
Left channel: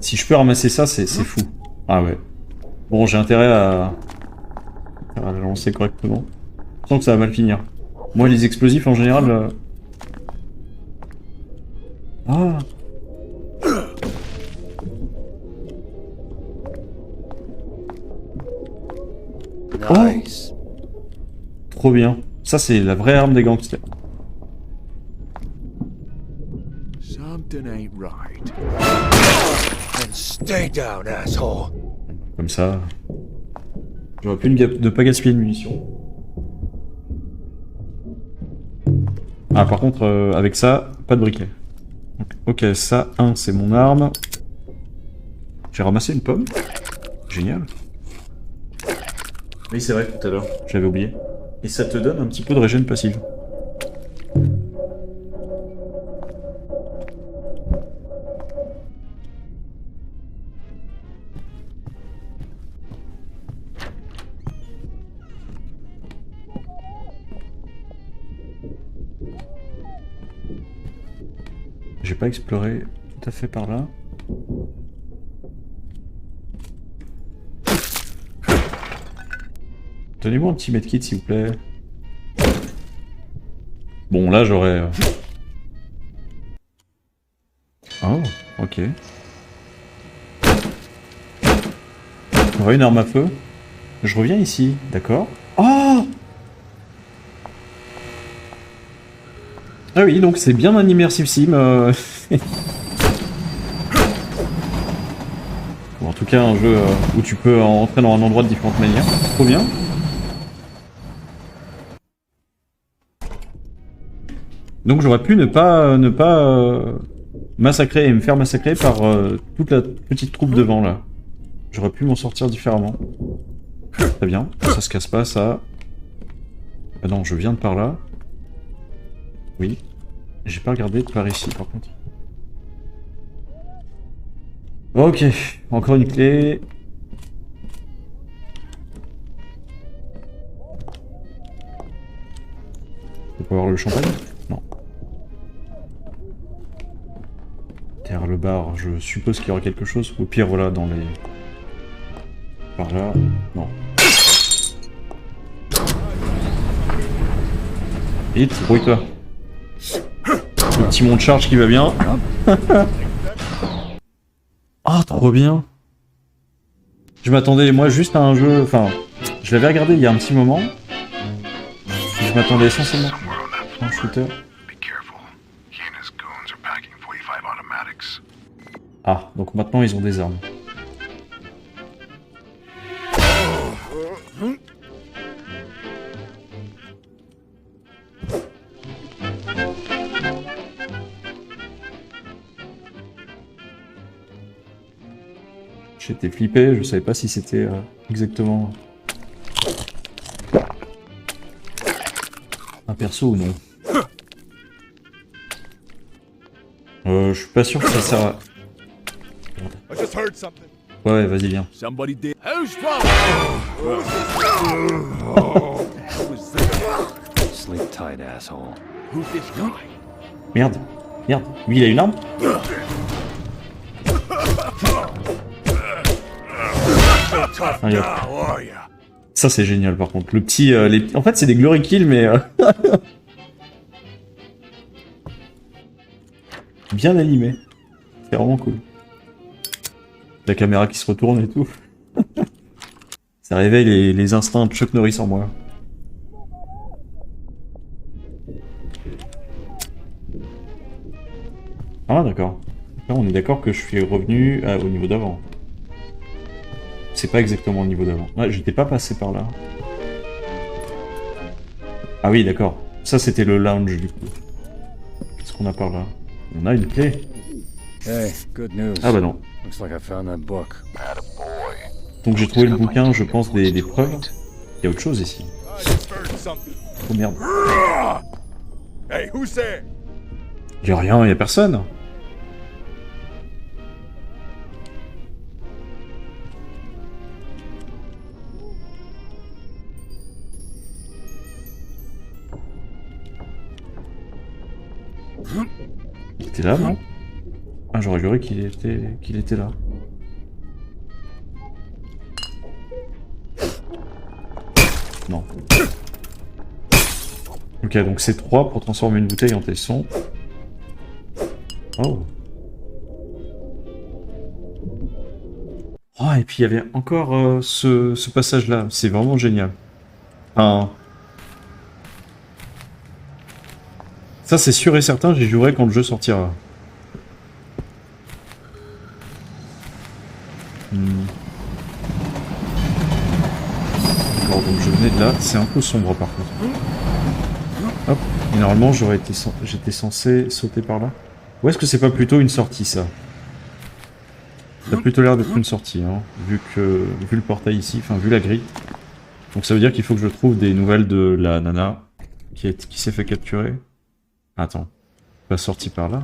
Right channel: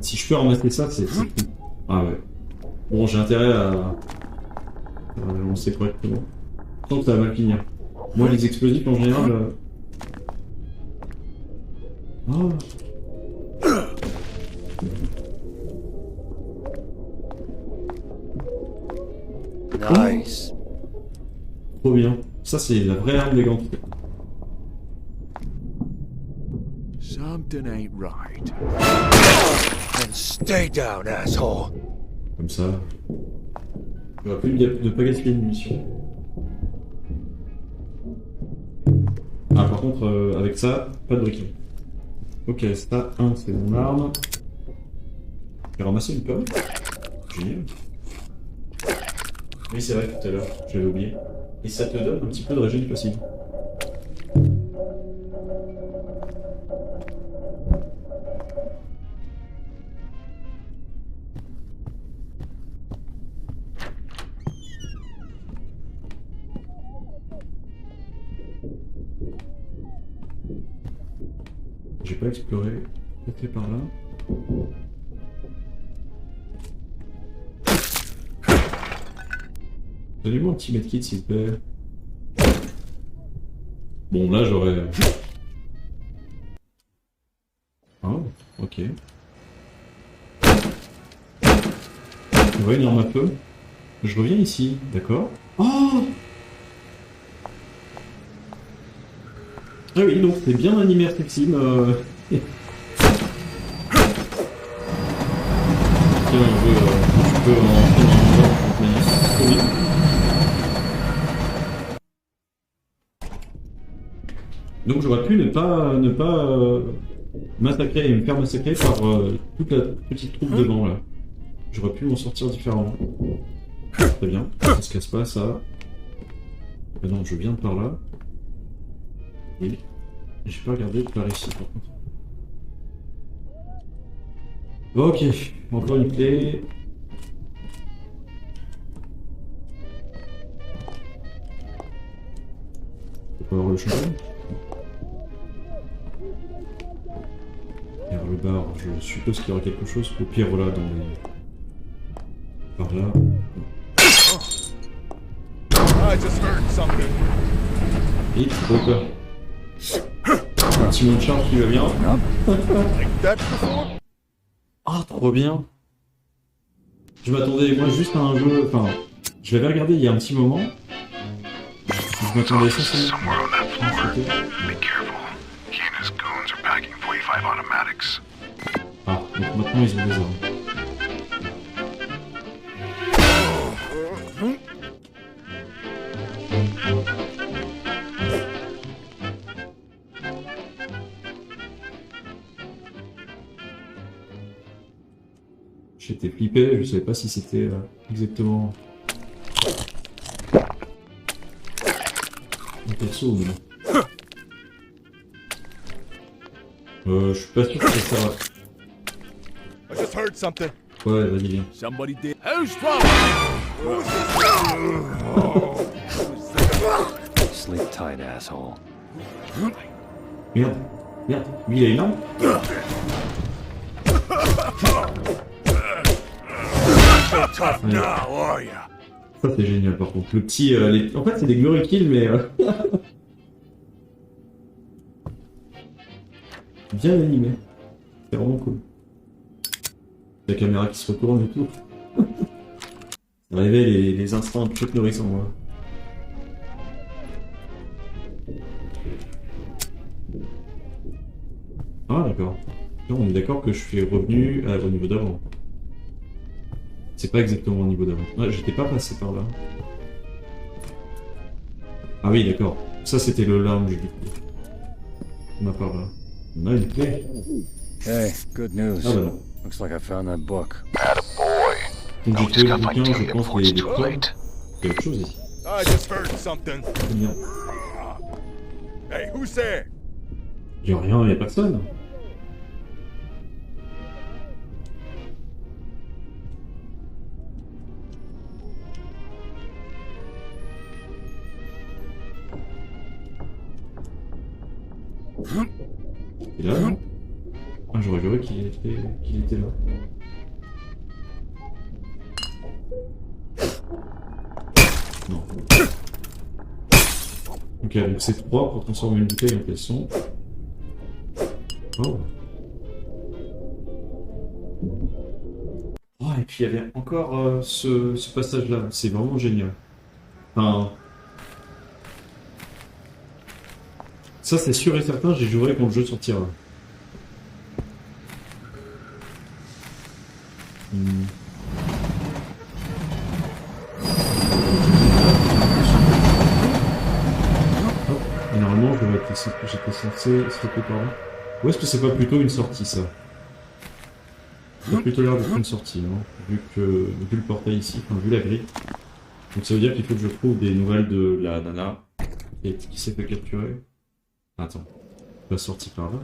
Si je peux ramasser ça, c'est fou. Ah ouais. Bon, j'ai intérêt à la lancer correctement. Je sens que ça va mal finir. Moi, les explosifs, en général... Ah. Nice. Trop bien. Ça, c'est la vraie arme des gangsters. Something ain't right. And stay down, asshole. Comme ça... J'aurais pu ne pas gaspiller de munitions. Ah, par contre, avec ça, pas de briquet. Ok, ça, c'est mon arme. J'ai ramassé une pomme. Génial. Oui, c'est vrai, tout à l'heure, j'avais oublié. Et ça te donne un petit peu de régène passive. J'ai pas exploré tout à fait par là. Donnez-moi un petit medkit s'il vous plaît. Bon là j'aurais... Oh, ok. On va une arme à feu. Je reviens ici, d'accord. Oh! Ah oui, donc c'est bien un immersive sim. Tiens, un jeu où tu peux entrer dans un endroit de différentes manières. Trop bien. Donc j'aurais pu ne pas massacrer et me faire massacrer par toute la petite troupe devant là. J'aurais pu m'en sortir différemment. Très bien, ça se casse pas ça. Ah non, je viens de par là. Oui. J'ai pas regardé de par ici par contre. Ok, encore une clé. On peut avoir le champion? Non. Derrière le bar, je suppose qu'il y aura quelque chose. Au pire, voilà, dans les... Par là... Non. Vite, bruit-toi. Un petit mont de charge qui va bien. Ah, trop bien. Je m'attendais, moi, juste à un jeu... Enfin, je l'avais regardé il y a un petit moment. Je m'attendais essentiellement. Somewhere on that floor. Be careful. He and his goons are packing 45 automatics. Ah, donc maintenant ils ont des armes. J'étais flippé, je savais pas si c'était exactement un perso ou non. Je suis pas sûr que ça sert à... I just heard something. Ouais, vas-y, viens. Somebody did. Who's from? Sleep tight, asshole. Who's this guy? Merde, merde. Lui, il a une arme? Tough now, are ya? Ça, c'est génial, par contre. Le petit... En fait, c'est des glory kills, mais... bien animé. C'est vraiment cool. La caméra qui se retourne et tout. Ça réveille les instincts de Chuck Norris en moi. Ah d'accord. Là on est d'accord que je suis revenu au niveau d'avant. C'est pas exactement le niveau d'avant. Ah, j'étais pas passé par là. Ah oui d'accord. Ça c'était le lounge du coup. Qu'est-ce qu'on a par là? On a une clé. Hey, good news. Ah bah non. Looks like I found that book. Donc j'ai trouvé le bouquin, je pense, des preuves. Il y a autre chose ici. I just heard something. Oh merde. Hey, who's there? Y'a rien, y'a personne. Il était là, non? Ah, j'aurais juré qu'il était là. Non. Ok, donc c'est 3 pour transformer une bouteille en tesson. Oh. Oh, et puis il y avait encore ce passage-là. C'est vraiment génial. Enfin... Ça, c'est sûr et certain, j'y jouerai quand le jeu sortira. Alors, donc, je venais de là, c'est un peu sombre. Hop, et normalement, j'étais censé sauter par là. Ou est-ce que c'est pas plutôt une sortie, ça? Ça a plutôt l'air d'être une sortie, hein, vu le portail ici, enfin, vu la grille. Donc ça veut dire qu'il faut que je trouve des nouvelles de la nana qui s'est fait capturer. Attends, pas sorti par là.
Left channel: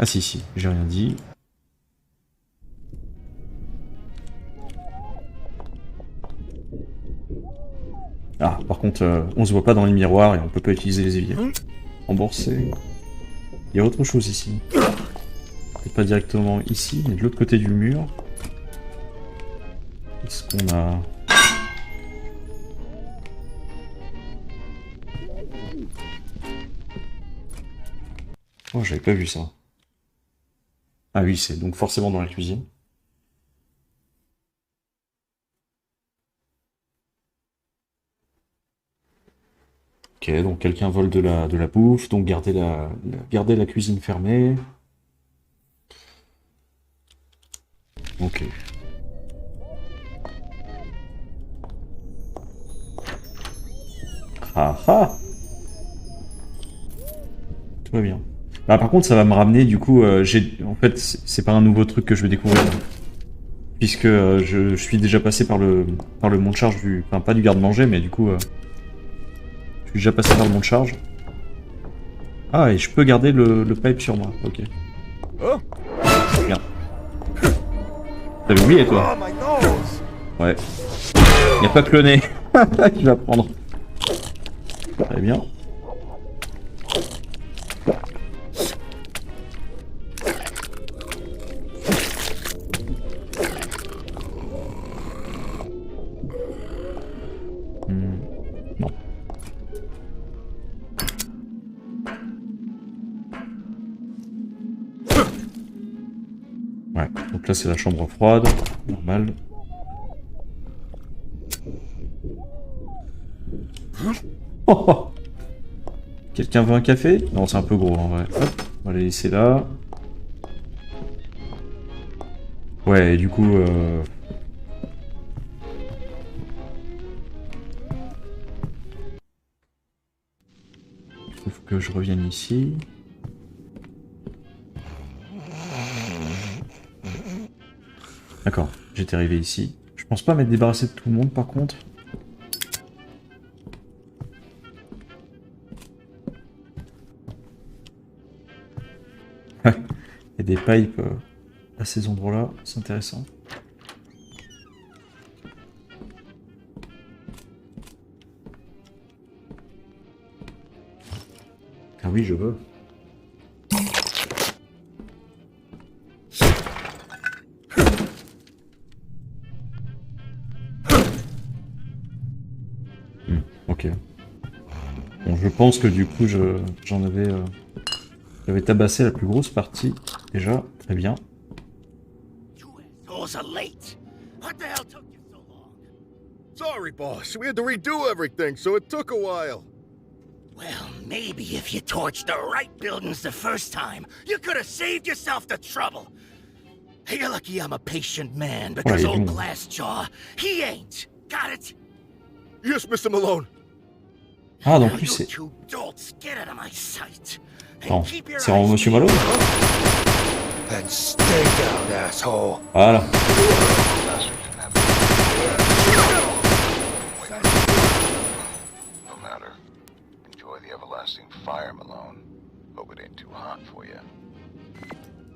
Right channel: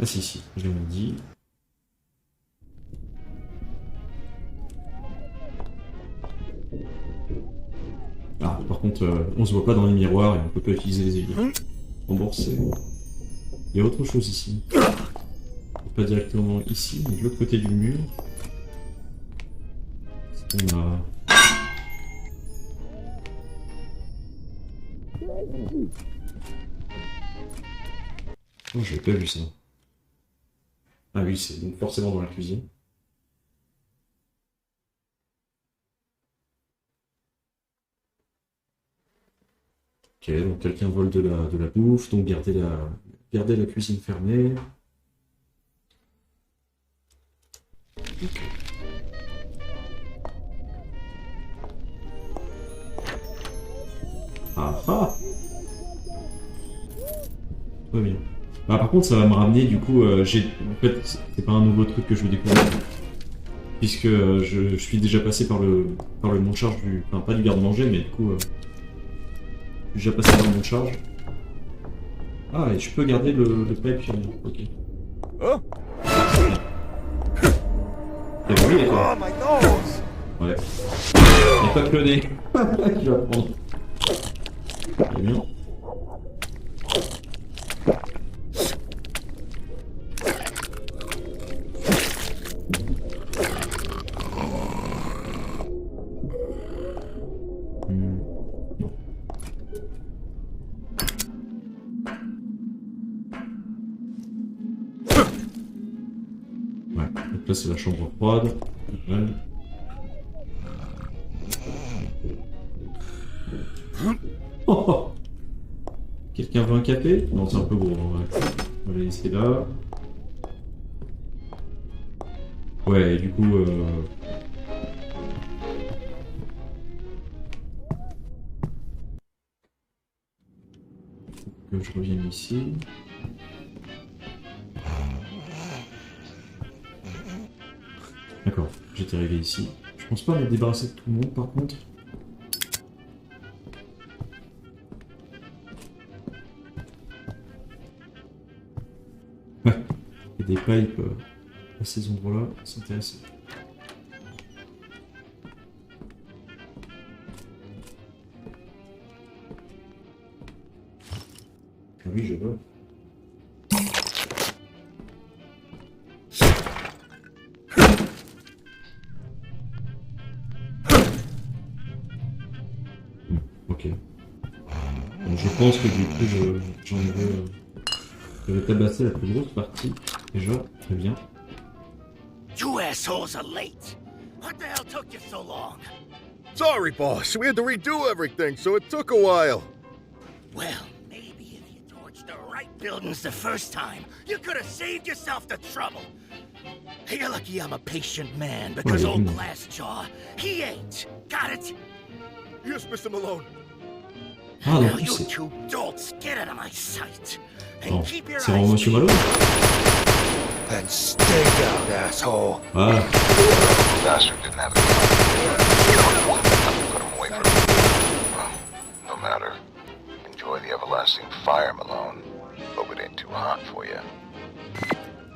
Ah si, j'ai rien dit. Ah, par contre, on se voit pas dans les miroirs et on peut pas utiliser les éviers. Rembourser. Il y a autre chose ici. Pas directement ici, mais de l'autre côté du mur. Qu'est-ce qu'on a? Oh, j'avais pas vu ça. Ah oui, c'est donc forcément dans la cuisine. Ok, donc quelqu'un vole de la bouffe, donc garder la cuisine fermée. Ok. Ah ah! Tout va bien. Bah, par contre, ça va me ramener, du coup, en fait, c'est pas un nouveau truc que je vais découvrir. Puisque je suis déjà passé par le mont de charge du... Enfin, pas du garde-manger, mais du coup... je suis déjà passé par le mont de charge. Ah, et je peux garder le pipe sur moi, ok. Oh, Bien. T'avais oublié, toi? oh my nose! Ouais. Y'a pas que le nez. Je vais apprendre. Très bien. Non. Ouais, donc là c'est la chambre froide, normal. Oh, oh. Quelqu'un veut un café? Non, c'est un peu gros en vrai. On va les laisser là. Ouais, et du coup... il faut que je revienne ici. D'accord, j'étais arrivé ici. Je pense pas m'être débarrassé de tout le monde par contre. Il y a des pipes à ces endroits-là, c'est intéressant. Ah oui, je veux. Ok. Bon, je pense que du coup, j'avais tabassé la plus grosse partie, déjà, très bien. You asked assholes are late. What the hell took you so long? Sorry, boss. We had to redo everything, so it took a while. Well, maybe if you torched the right buildings the first time, you could have saved yourself the trouble. You're lucky I'm a patient man, because old Glassjaw, he ain't. Got it? Yes, Mr. Malone. Ah, Now donc you c'est... two dolts get out of my sight. And Non, keep your c'est vraiment eyes Monsieur peeled. Malone. And stay down, asshole. Ah, Bastard didn't have it. No matter. Enjoy the everlasting fire, Malone. Hope it ain't too hot for you.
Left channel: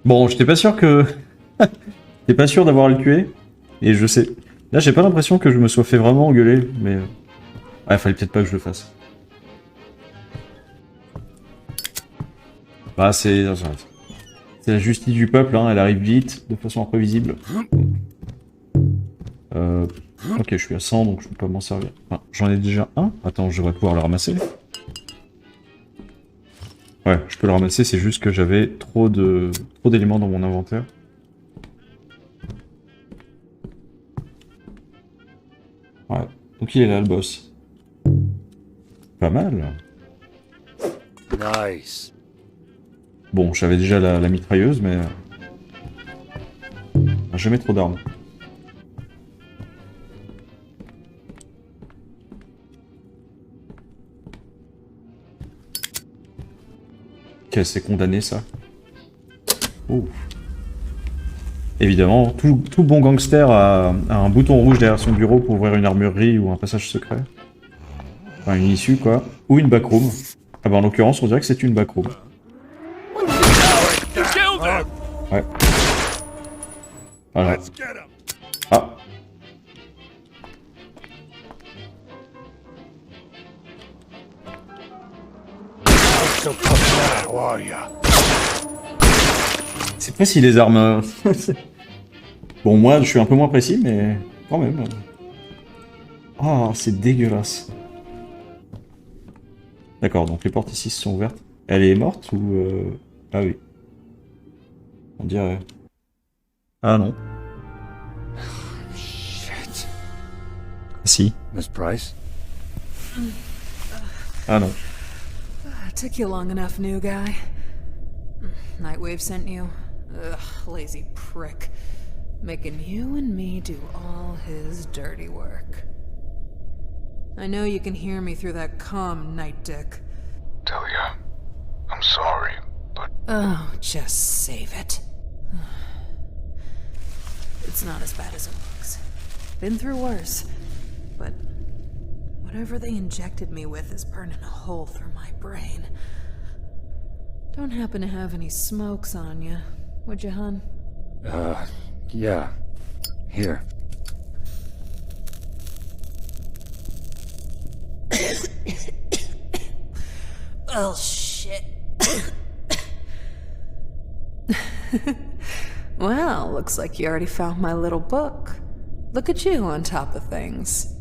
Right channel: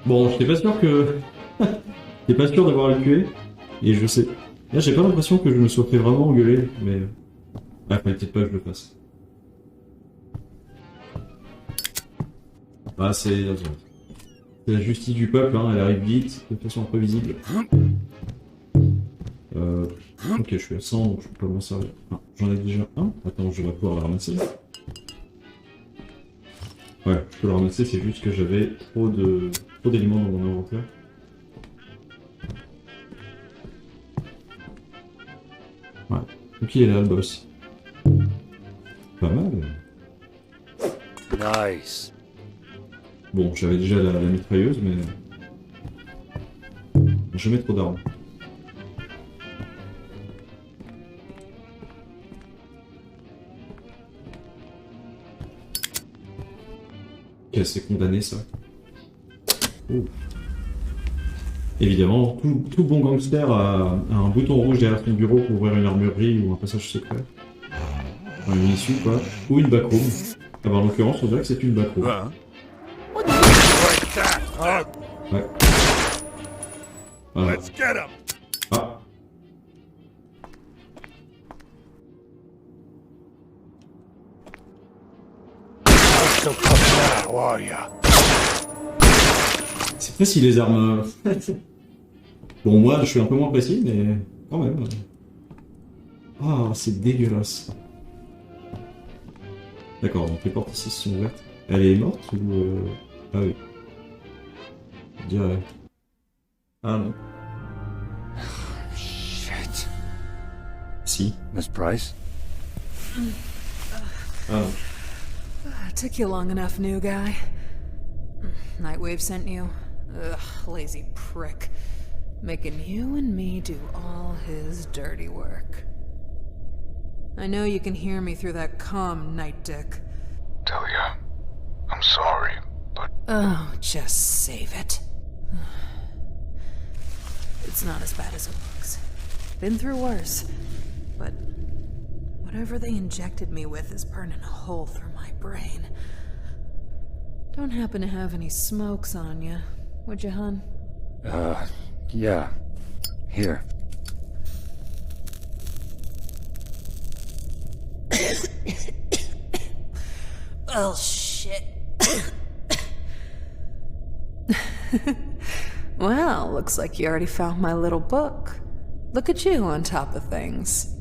bon, j'étais pas sûr que... J'étais pas sûr d'avoir à le tuer. Et je sais... Là, j'ai pas l'impression que je me sois fait vraiment engueuler, mais... Ah, fallait peut-être pas que je le fasse. Bah, c'est la justice du peuple, hein, elle arrive vite, de façon imprévisible. Ok, je suis à 100, donc je peux pas m'en servir. Enfin, j'en ai déjà un. Attends, je devrais pouvoir le ramasser. Ouais, je peux le ramasser, c'est juste que j'avais trop d'éléments dans mon inventaire. Ouais, donc il est là, le boss. Pas mal. Nice. Bon, j'avais déjà la mitrailleuse, mais... jamais trop d'armes. Ok, c'est condamné, ça. Oh. Évidemment, tout bon gangster a un bouton rouge derrière son bureau pour ouvrir une armurerie ou un passage secret. Enfin, une issue, quoi. Ou une backroom. Ah bah, en l'occurrence, on dirait que c'est une backroom. Ouais. Voilà. Let's get him. Ah. So tough now, are ya? C'est précis les armes. Bon, moi, je suis un peu moins précis, mais quand même. Ah, c'est dégueulasse. D'accord, donc les portes ici sont ouvertes. Elle est morte ou... Ah oui. On dirait... Ah non. Shit. Si. Miss Price? Ah non. Took you long enough, new guy. Nightwave sent you? Ugh, lazy prick. Making you and me do all his dirty work. I know you can hear me through that comm, Night Dick. Delia, I'm sorry, but Oh, just save it. It's not as bad as it looks. Been through worse. But whatever they injected me with is burning a hole through my brain. Don't happen to have any smokes on you, would you, hun? Yeah. Here. Oh, shit. Well, looks like you already found my little book. Look at you on top of things.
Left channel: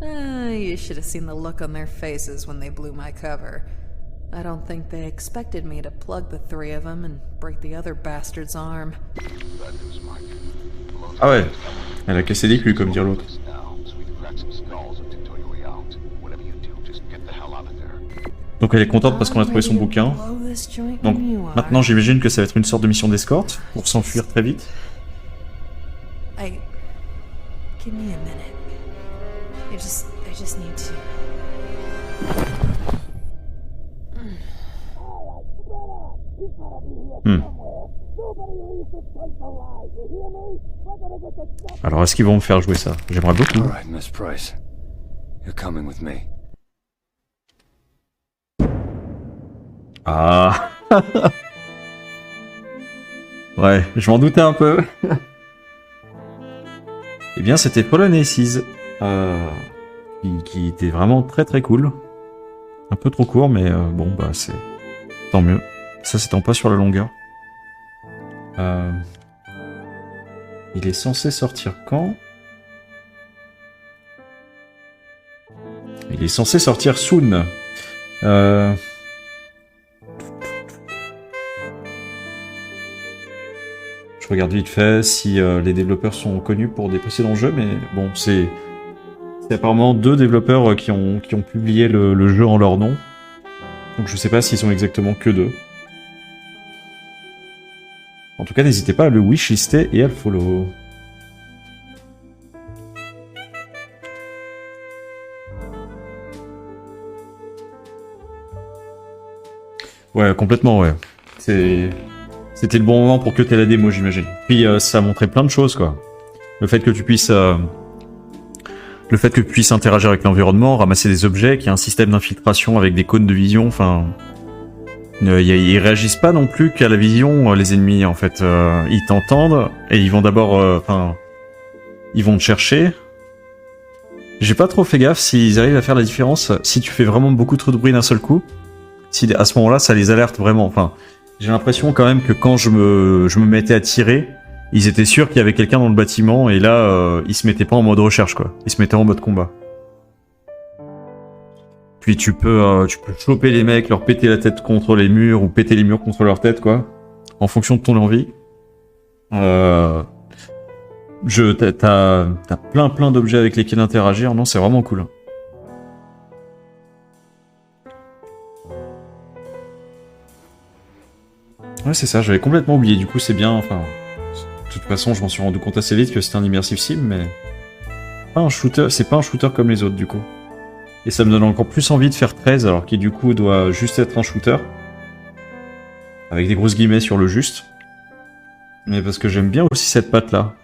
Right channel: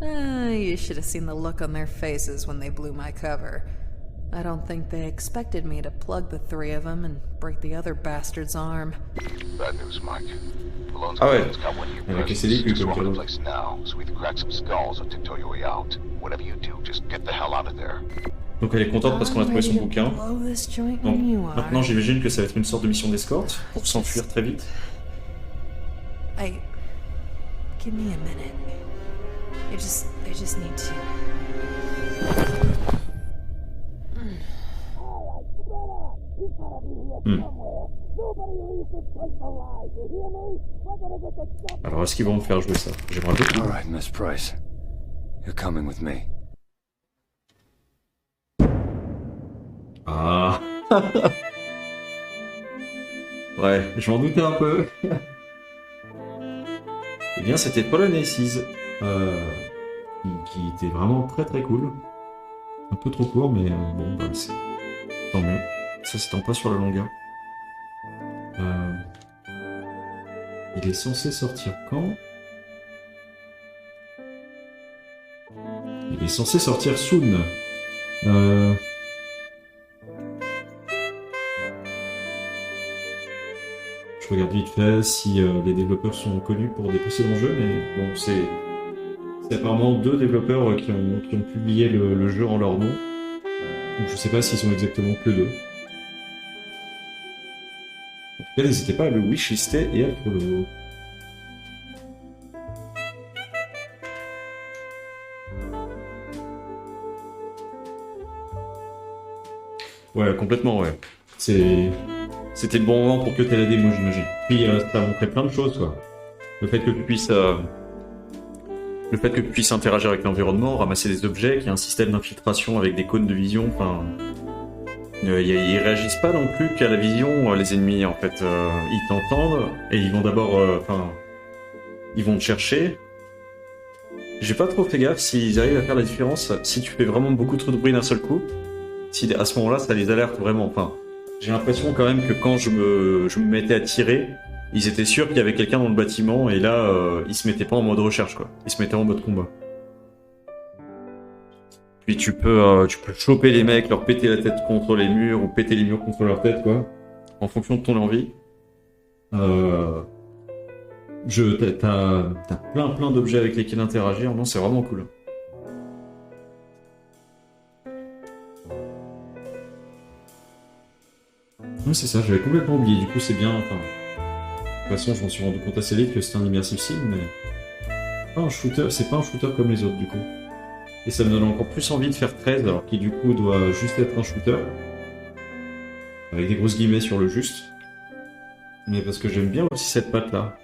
You should have seen the look on their faces when they blew my cover. I don't think they expected me to plug the three of them and break the other bastard's arm. bad news, Mike. Malone's Ah ouais. got one of your Elle a cassé persons. les culs, comme Just dire run the l'autre. place now, so either crack some skulls or tiptoe your way out. Whatever you do, just get the hell out of there. Donc elle est contente parce qu'on a trouvé son bouquin. Blow this joint Donc when you are. maintenant j'imagine que ça va être une sorte de mission d'escorte pour s'enfuir très vite. Give me a minute. I just need to. Alors est-ce qu'ils vont me faire jouer ça? J'aimerais beaucoup. All right, Miss Price. You're coming with me. Ah. Ouais, je m'en doutais un peu. Eh bien, c'était Fallen Aces, qui était vraiment très très cool. Un peu trop court, mais bon, bah c'est tant mieux. Ça s'étend pas sur la longueur. Il est censé sortir quand? Il est censé sortir soon. Je regarde vite fait si les développeurs sont connus pour des précédents jeux, mais bon, c'est apparemment 2 développeurs qui ont publié le jeu en leur nom. Donc je sais pas s'ils sont exactement que 2. En tout cas, n'hésitez pas à le wishlister et à le follow. Ouais, complètement, ouais. C'était le bon moment pour que t'aies la démo, j'imagine. Puis ça a montré plein de choses, quoi. Le fait que tu puisses interagir avec l'environnement, ramasser des objets, qu'il y a un système d'infiltration avec des cônes de vision, enfin... ils réagissent pas non plus qu'à la vision, les ennemis, en fait. Ils t'entendent, et ils vont d'abord... ils vont te chercher. J'ai pas trop fait gaffe s'ils arrivent à faire la différence si tu fais vraiment beaucoup trop de bruit d'un seul coup. Si à ce moment-là, ça les alerte vraiment. Enfin, j'ai l'impression quand même que quand je me mettais à tirer, ils étaient sûrs qu'il y avait quelqu'un dans le bâtiment, et là, ils se mettaient pas en mode recherche, quoi. Ils se mettaient en mode combat. Puis tu peux choper les mecs, leur péter la tête contre les murs, ou péter les murs contre leur tête, quoi. En fonction de ton envie. T'as plein d'objets avec lesquels interagir. Non, c'est vraiment cool. Ouais, c'est ça, j'avais complètement oublié. Du coup, c'est bien. Enfin, de toute façon, je m'en suis rendu compte assez vite que c'était un immersive sim, mais pas un shooter. C'est pas un shooter comme les autres, du coup. Et ça me donne encore plus envie de faire 13, alors qu'il du coup doit juste être un shooter. Avec des grosses guillemets sur le juste. Mais parce que j'aime bien aussi cette patte-là.